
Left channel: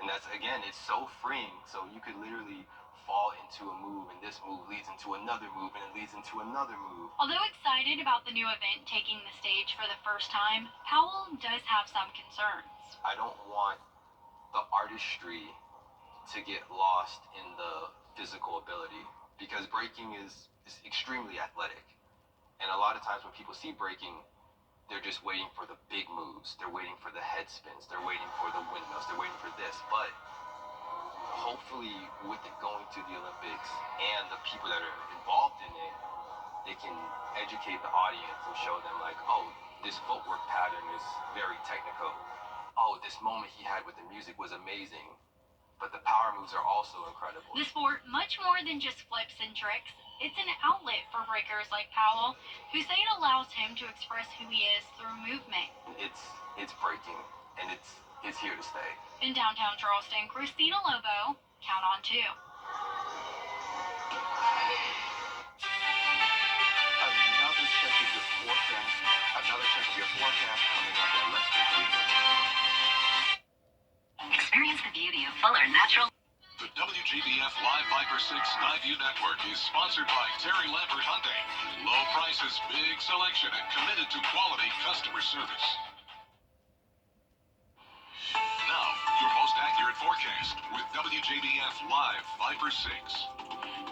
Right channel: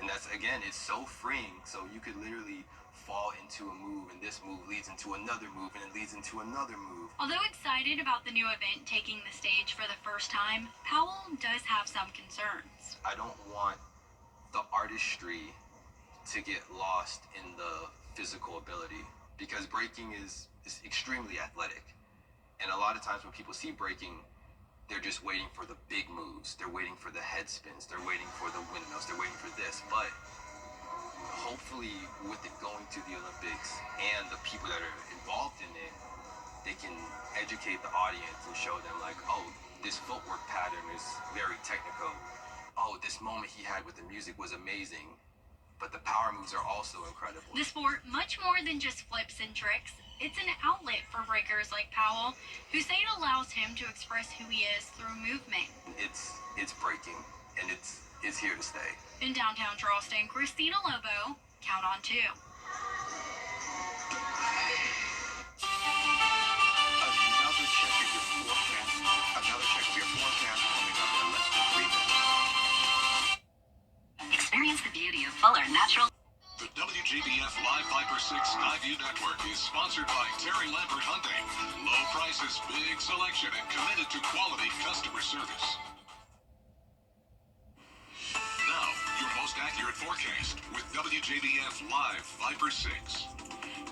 And that's, again, it's so freeing. So you could literally fall into a move, and this move leads into another move, and it leads into another move. Although excited about the new event taking the stage for the first time, Powell does have some concerns. I don't want the artistry to get lost in the physical ability, because breaking is extremely athletic. And a lot of times when people see breaking, they're just waiting for the big moves. They're waiting for the head spins. They're waiting for the windmills. They're waiting for this. But hopefully with it going to the Olympics and the people that are involved in it, they can educate the audience and show them like, oh, this footwork pattern is very technical. Oh, this moment he had with the music was amazing. But the power moves are also incredible. The sport, much more than just flips and tricks, it's an outlet for breakers like Powell, who say it allows him to express who he is through movement. It's breaking, and it's here to stay. In downtown Charleston, Christina Lobo, Count on 2. Another check of your forecast coming up in less than 3 minutes. Experience the beauty of fuller natural. The WGBF Live Viper 6 Skyview Network is sponsored by Terry Lambert Hyundai. Low prices, big selection, and committed to quality customer service. Now, your most accurate forecast with WGBF Live Viper 6.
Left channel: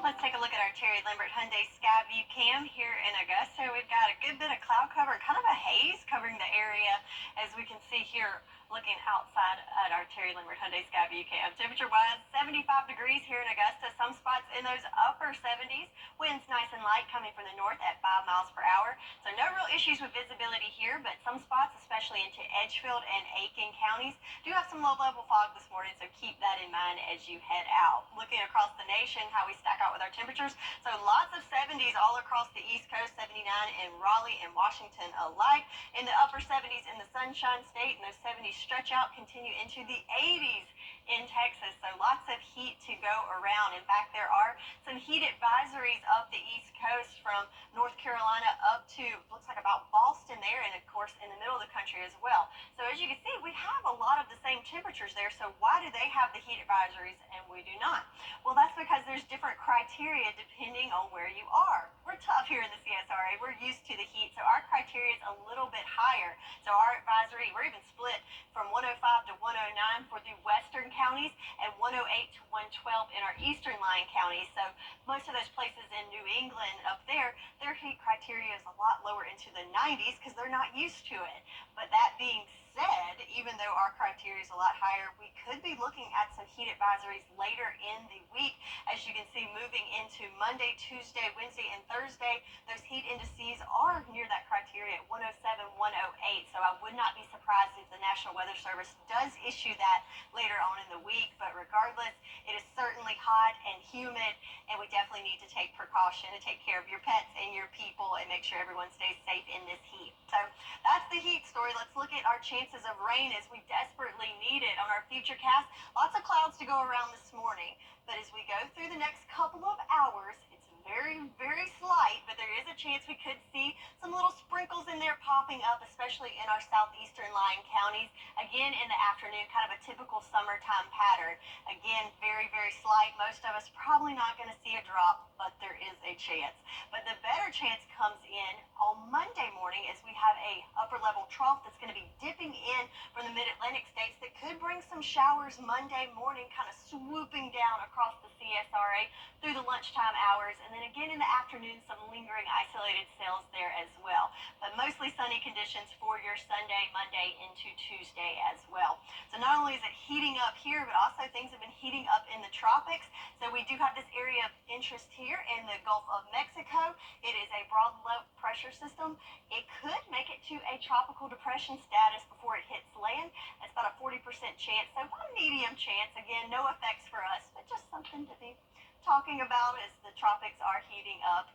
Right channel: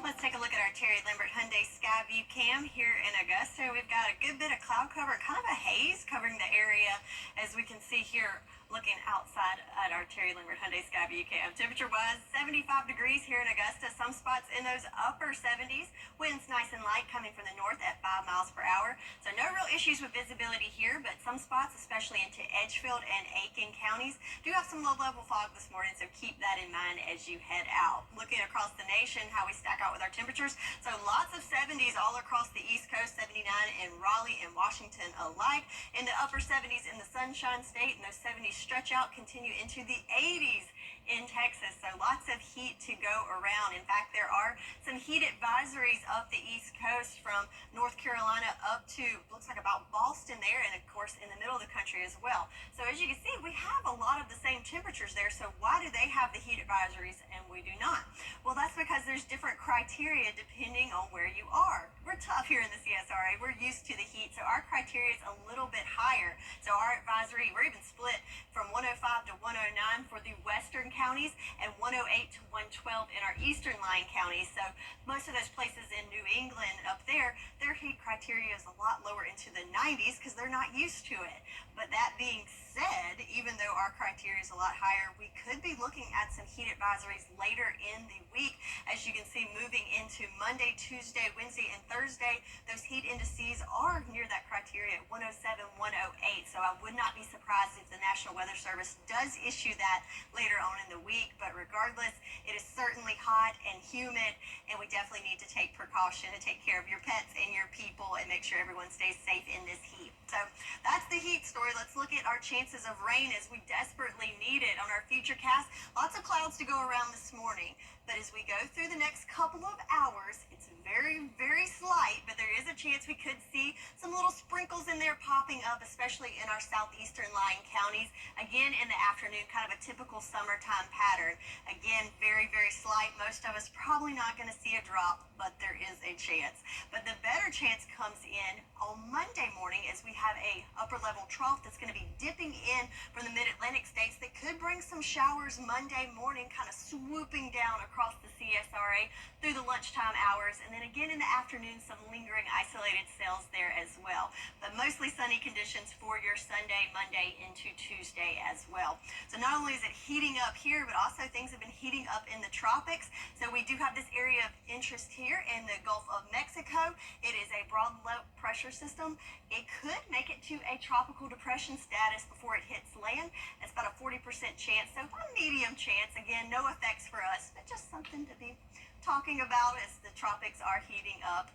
Let's take a look at our Terry Lambert Hyundai Skyview cam here in Augusta. We've got a good bit of cloud cover, kind of a haze covering the area, as we can see here looking outside at our Terry Lambert Hyundai Skyview cam. Temperature-wise, 75 degrees here in Augusta. Some spots in those upper 70s. Winds nice and light coming from the north at 5 miles per hour. So no real issues with visibility here, but some spots, especially into Edgefield and Aiken counties, do have some low-level fog this morning, so keep that in mind as you head out. Looking across the nation, how we stack out with our temperatures. So lots of 70s all across the East Coast, 79 in Raleigh and Washington alike. In the upper 70s in the Sunshine State, and those 70s stretch out, continue into the 80s in Texas. So lots of heat to go around. In fact, there are some heat advisories up the East Coast from North Carolina up to, looks like about Boston there, and of course in the middle of the country as well. So as you can see, we have a lot of the same temperatures there. So why do they have the heat advisories and we do not? Well, that's because there's different criteria depending on where you are. We're tough here in the CSRA. We're used to the heat, so our criteria is a little bit higher. So our advisory, we're even split from 105 to 109 for the western counties and 108 to 112 in our eastern line counties. So most of those places in New England up there, their heat criteria is a lot lower into the 90s because they're not used to it. But that being said, even though our criteria is a lot higher, we could be looking at some heat advisories later in the week. As you can see, moving into Monday, Tuesday, Wednesday, and Thursday, those heat indices are near that criteria at 107, 108. So I would not be surprised if the National Weather Service does issue that later on in the week. But regardless, it is certainly hot and humid, and we definitely need to take precaution to take care of your pets and your people and make sure everyone stays safe in this heat. So that's the heat story. Let's look at our chances of rain as we desperately need it on our futurecast. Lots of clouds to go around this morning, but as we go through the next couple of hours, it's very, very slight, but there is a chance we could see some little sprinkles in there popping up, especially in our southeastern lying counties. Again, in the afternoon, kind of a typical summertime pattern. Again, very, very slight. Most of us probably not going to see a drop, but there is a chance. But the better chance comes in on Monday morning as we have a upper level trough that's going to be dipping in from the mid-Atlantic states that could bring some showers Monday morning, kind of swooping down across the CSRA through the lunchtime hours. And then again in the afternoon, some lingering isolated cells there as well. But mostly sunny conditions for your Sunday, Monday into Tuesday as well. So not only is it heating up here, but also things have been heating up in the tropics. So we do have this area of interest here in the Gulf of Mexico. It is a broad low pressure system. It could make it to a tropical depression status before it hits land. It's about a 40% chance, so a medium chance. Again, no effects for us, but just something to be talking about as the tropics are heating up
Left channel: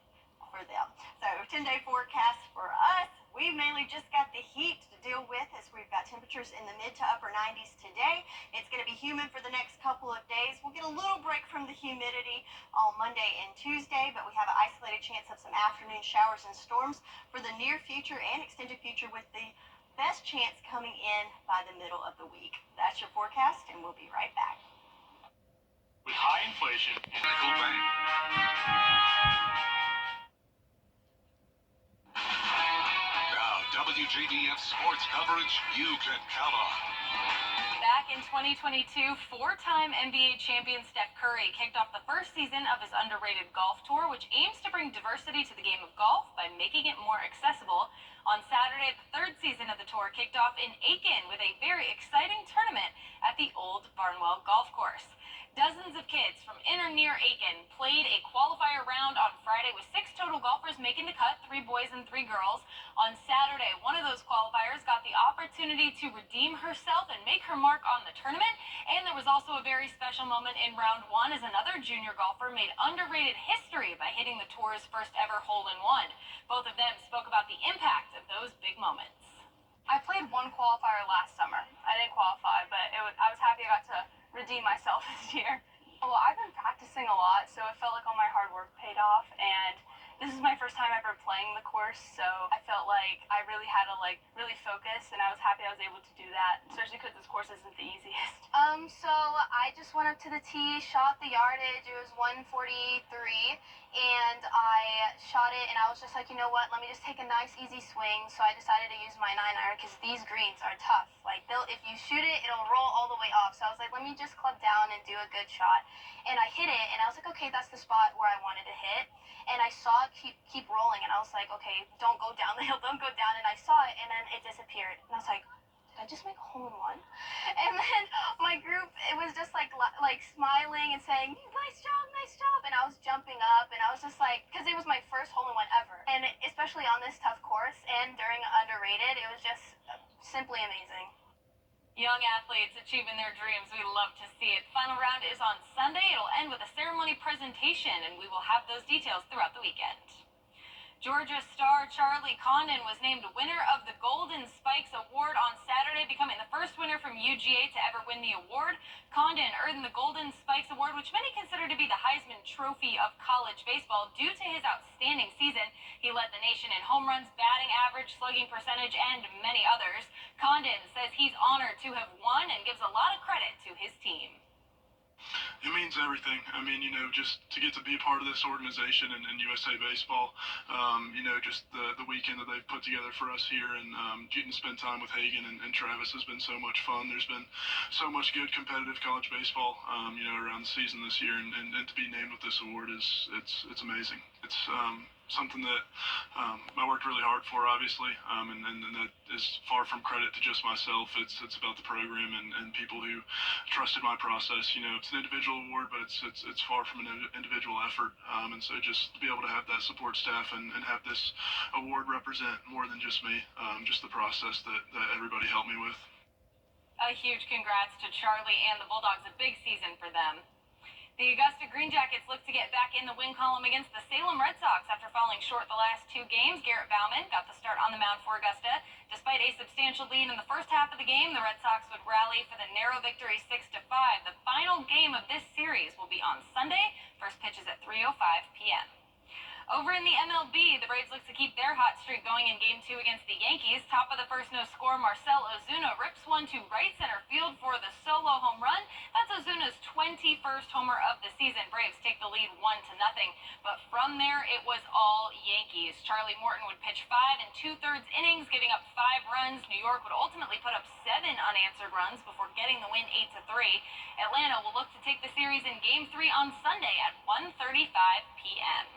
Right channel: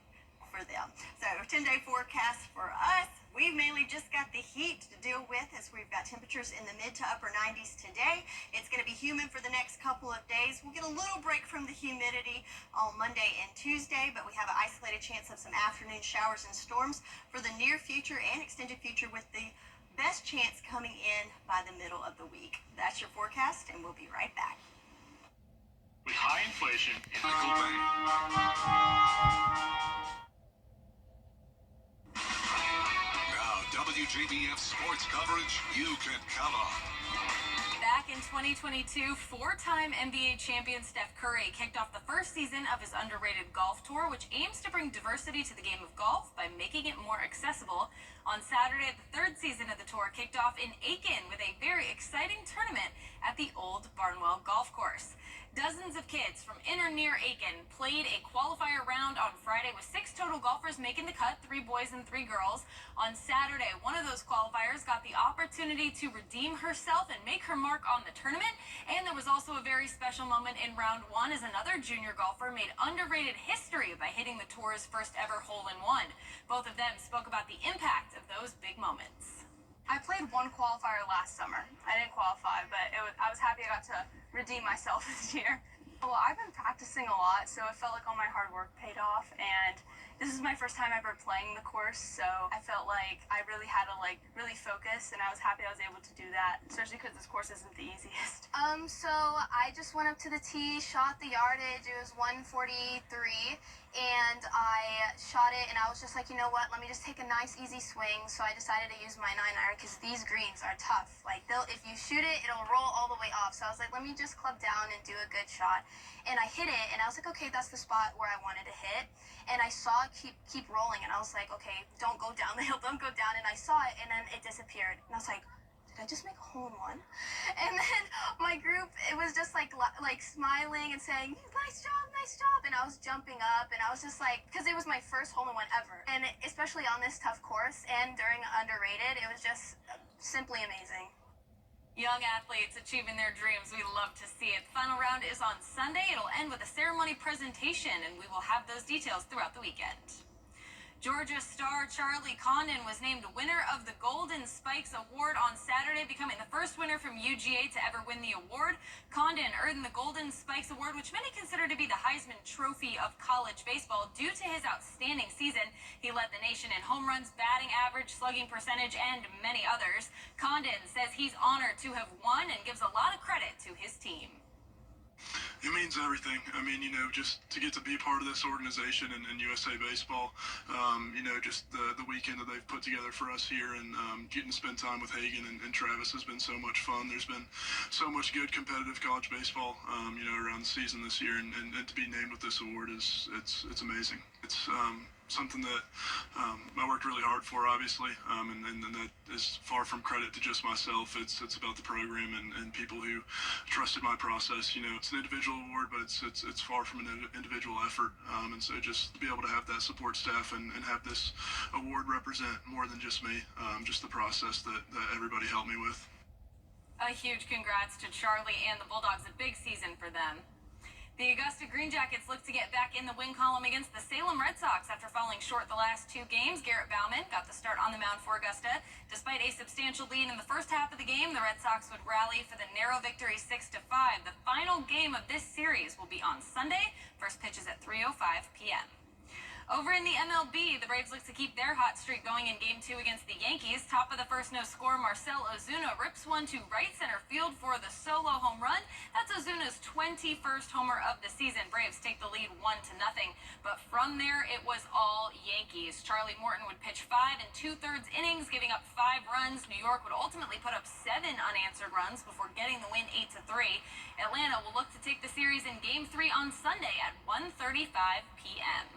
for them. So 10-day forecast for us. We've mainly just got the heat to deal with as we've got temperatures in the mid to upper 90s today. It's going to be humid for the next couple of days. We'll get a little break from the humidity on Monday and Tuesday, but we have an isolated chance of some afternoon showers and storms for the near future and extended future, with the best chance coming in by the middle of the week. That's your forecast, and we'll be right back. With high inflation and Nickel Bank. Now, WJBF sports coverage you can count on. Back in 2022, four-time NBA champion Steph Curry kicked off the first season of his underrated golf tour, which aims to bring diversity to the game of golf by making it more accessible. On Saturday, the third season of the tour kicked off in Aiken with a very exciting tournament at the Old Barnwell Golf Course. Dozens of kids from in or near Aiken played a qualifier round on Friday with 6 total golfers making the cut, 3 boys and 3 girls. On Saturday, one of those qualifiers got the opportunity to redeem herself and make her mark on the tournament. And there was also a very special moment in round 1 as another junior golfer made underrated history by hitting the tour's first ever hole-in-one. Both of them spoke about the impact of those big moments. I played one qualifier last summer. I didn't qualify, but I was happy I got to redeem myself this year. Well, I've been practicing a lot, so it felt like all my hard work paid off, and this is my first time ever playing the course, so I felt like I really had to really focus, and I was happy I was able to do that, especially because this course isn't the easiest. So I just went up to the tee, shot the yardage. It was 143, and I shot it, and I was just like, you know what, let me just take a nice easy swing. So I decided to use my 9-iron because these greens are tough. Like, if you shoot it, it'll roll all the way off. So I was like, let me just club down and do a good shot. And I hit it, and I was like, okay, that's the spot where I wanted to hit. And I saw it keep rolling, and I was like, okay, don't go down the hill, don't go down. And I saw it, and then it disappeared. And I was like, did I just make a hole-in-one? And then my group, it was just like smiling and saying, nice job. And I was jumping up, and I was just like, because it was my first hole-in-one ever. And especially on this tough course and during Underrated, it was just simply amazing. Young athletes achieving their dreams. We love to see it. Final round is on Sunday. It'll end with a ceremony presentation, and we will have those details throughout the weekend. Georgia star Charlie Condon was named winner of the Golden Spikes Award on Saturday, becoming the first winner from UGA to ever win the award. Condon earned the Golden Spikes Award, which many consider to be the Heisman Trophy of college baseball, due to his outstanding season. He led the nation in home runs, batting average, slugging percentage, and many others. Condon says he's honored to have won and gives a lot of credit to his team. It means everything. I mean, just to get to be a part of this organization and USA Baseball, just the weekend that they've put together for us here and getting to spend time with Hagan and Travis has been so much fun. There's been so much good competitive college baseball, around the season this year, and to be named with this award it's amazing. It's something that I worked really hard for, obviously, and that is far from credit to just myself. It's about the program and people who trusted my process. It's an individual award, but it's far from an individual effort. And so just to be able to have that support staff and have this award represent more than just me, just the process that everybody helped me with. A huge congrats to Charlie and the Bulldogs. A big season for them. The Augusta Green Jackets look to get back in the win column against the Salem Red Sox after falling short the last 2 games. Garrett Bauman got the start on the mound for Augusta. Despite a substantial lead in the first half of the game, the Red Sox would rally for the narrow victory 6-5. The final game of this series will be on Sunday. First pitch is at 3:05 p.m. Over in the MLB, the Braves look to keep their hot streak going in Game 2 against the Yankees. Top of the first, no score, Marcell Ozuna rips one to right center field for the solo home run. That's Ozuna's 21st homer of the season. Braves take the lead 1-0. But from there, it was all Yankees. Charlie Morton would pitch 5 2/3 innings, giving up 5 runs. New York would ultimately put up 7 unanswered runs before getting the win 8-3. Atlanta will look to take the series in Game 3 on Sunday at 1:35 p.m.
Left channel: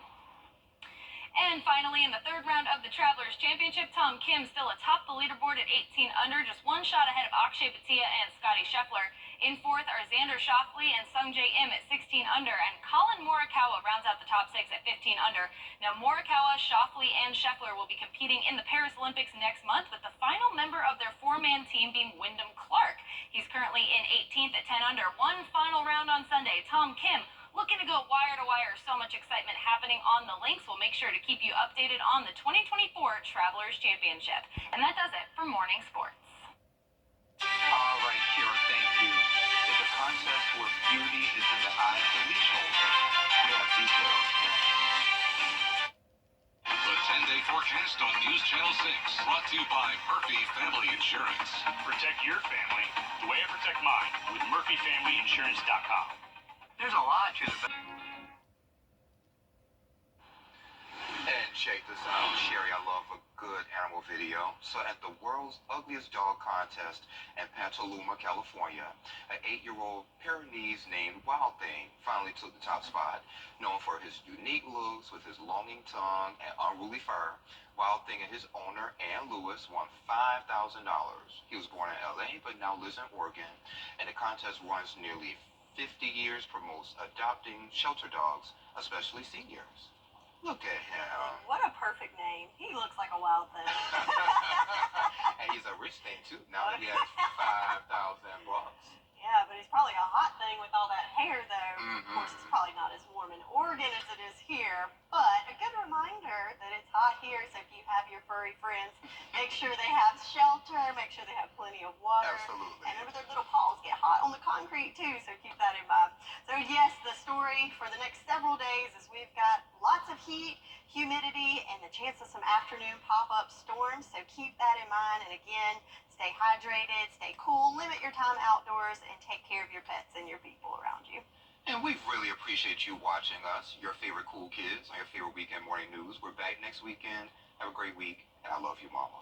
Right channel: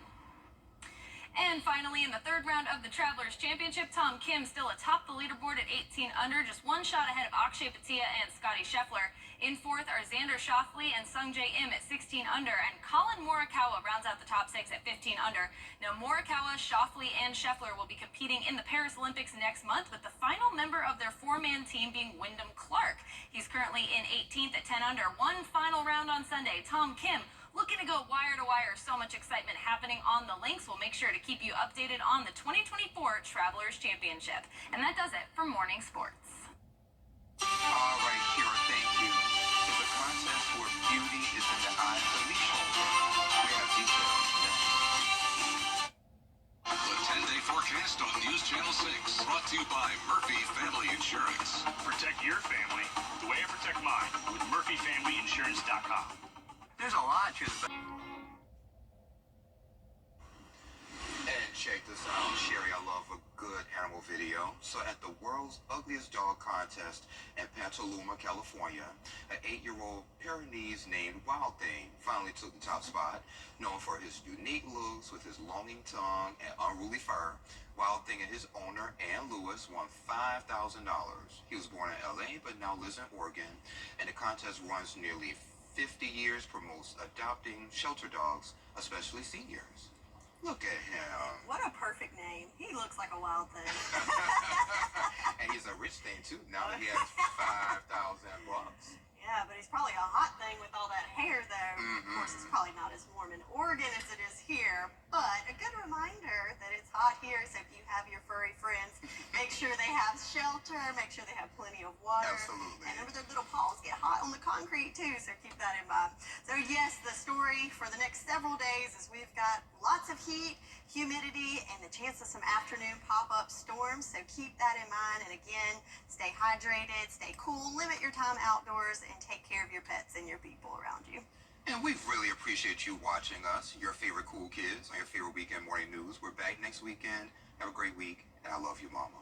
And finally, in the third round of the Travelers Championship, Tom Kim still atop the leaderboard at 18 under, just 1 shot ahead of Akshay Bhatia and Scotty Scheffler. In fourth are Xander Schauffele and Sungjae Im at 16 under, and Colin Morikawa rounds out the top 6 at 15 under. Now, Morikawa, Schauffele, and Scheffler will be competing in the Paris Olympics next month, with the final member of their 4-man team being Wyndham Clark. He's currently in 18th at 10 under. One final round on Sunday. Tom Kim looking to go wire to wire. So much excitement happening on the links. We'll make sure to keep you updated on the 2024 Travelers Championship. And that does it for Morning Sports. All right, Kira, thank you. There's a contest where beauty is in the eye of the leaseholder. We have details next. The 10-day forecast on News Channel 6, brought to you by Murphy Family Insurance. Protect your family the way I protect mine with MurphyFamilyInsurance.com. There's a lot to the... And check this out, Sherry, I love a good animal video. So at the World's Ugliest Dog Contest in Petaluma, California, an 8-year-old Pyrenees named Wild Thing finally took the top spot. Known for his unique looks with his longing tongue and unruly fur, Wild Thing and his owner, Ann Lewis, won $5,000. He was born in LA but now lives in Oregon, and the contest runs nearly 50 years, promotes adopting shelter dogs, especially seniors. Look at him. What a perfect name. He looks like a wild thing. And he's a rich thing, too. Now that he has $5,000. Yeah, but he's probably a hot thing with all that hair, though. Of course, it's probably not as warm in Oregon as it is here, but a good reminder that it's hot here, so if you have your furry friends, make sure they have shelter, make sure they have plenty of water. Absolutely. And remember, their little paws get hot on the concrete, too, so keep that in mind. So, yes, the story for the next several days is we've got lots of heat, humidity, and the chance of some afternoon pop-up storms, so keep that in mind. And again, stay hydrated, stay cool, limit your time outdoors, and take care of your pets and your people around you. And we really appreciate you watching us, your favorite cool kids, on your favorite weekend morning news. We're back next weekend. Have a great week, and I love you, Mama.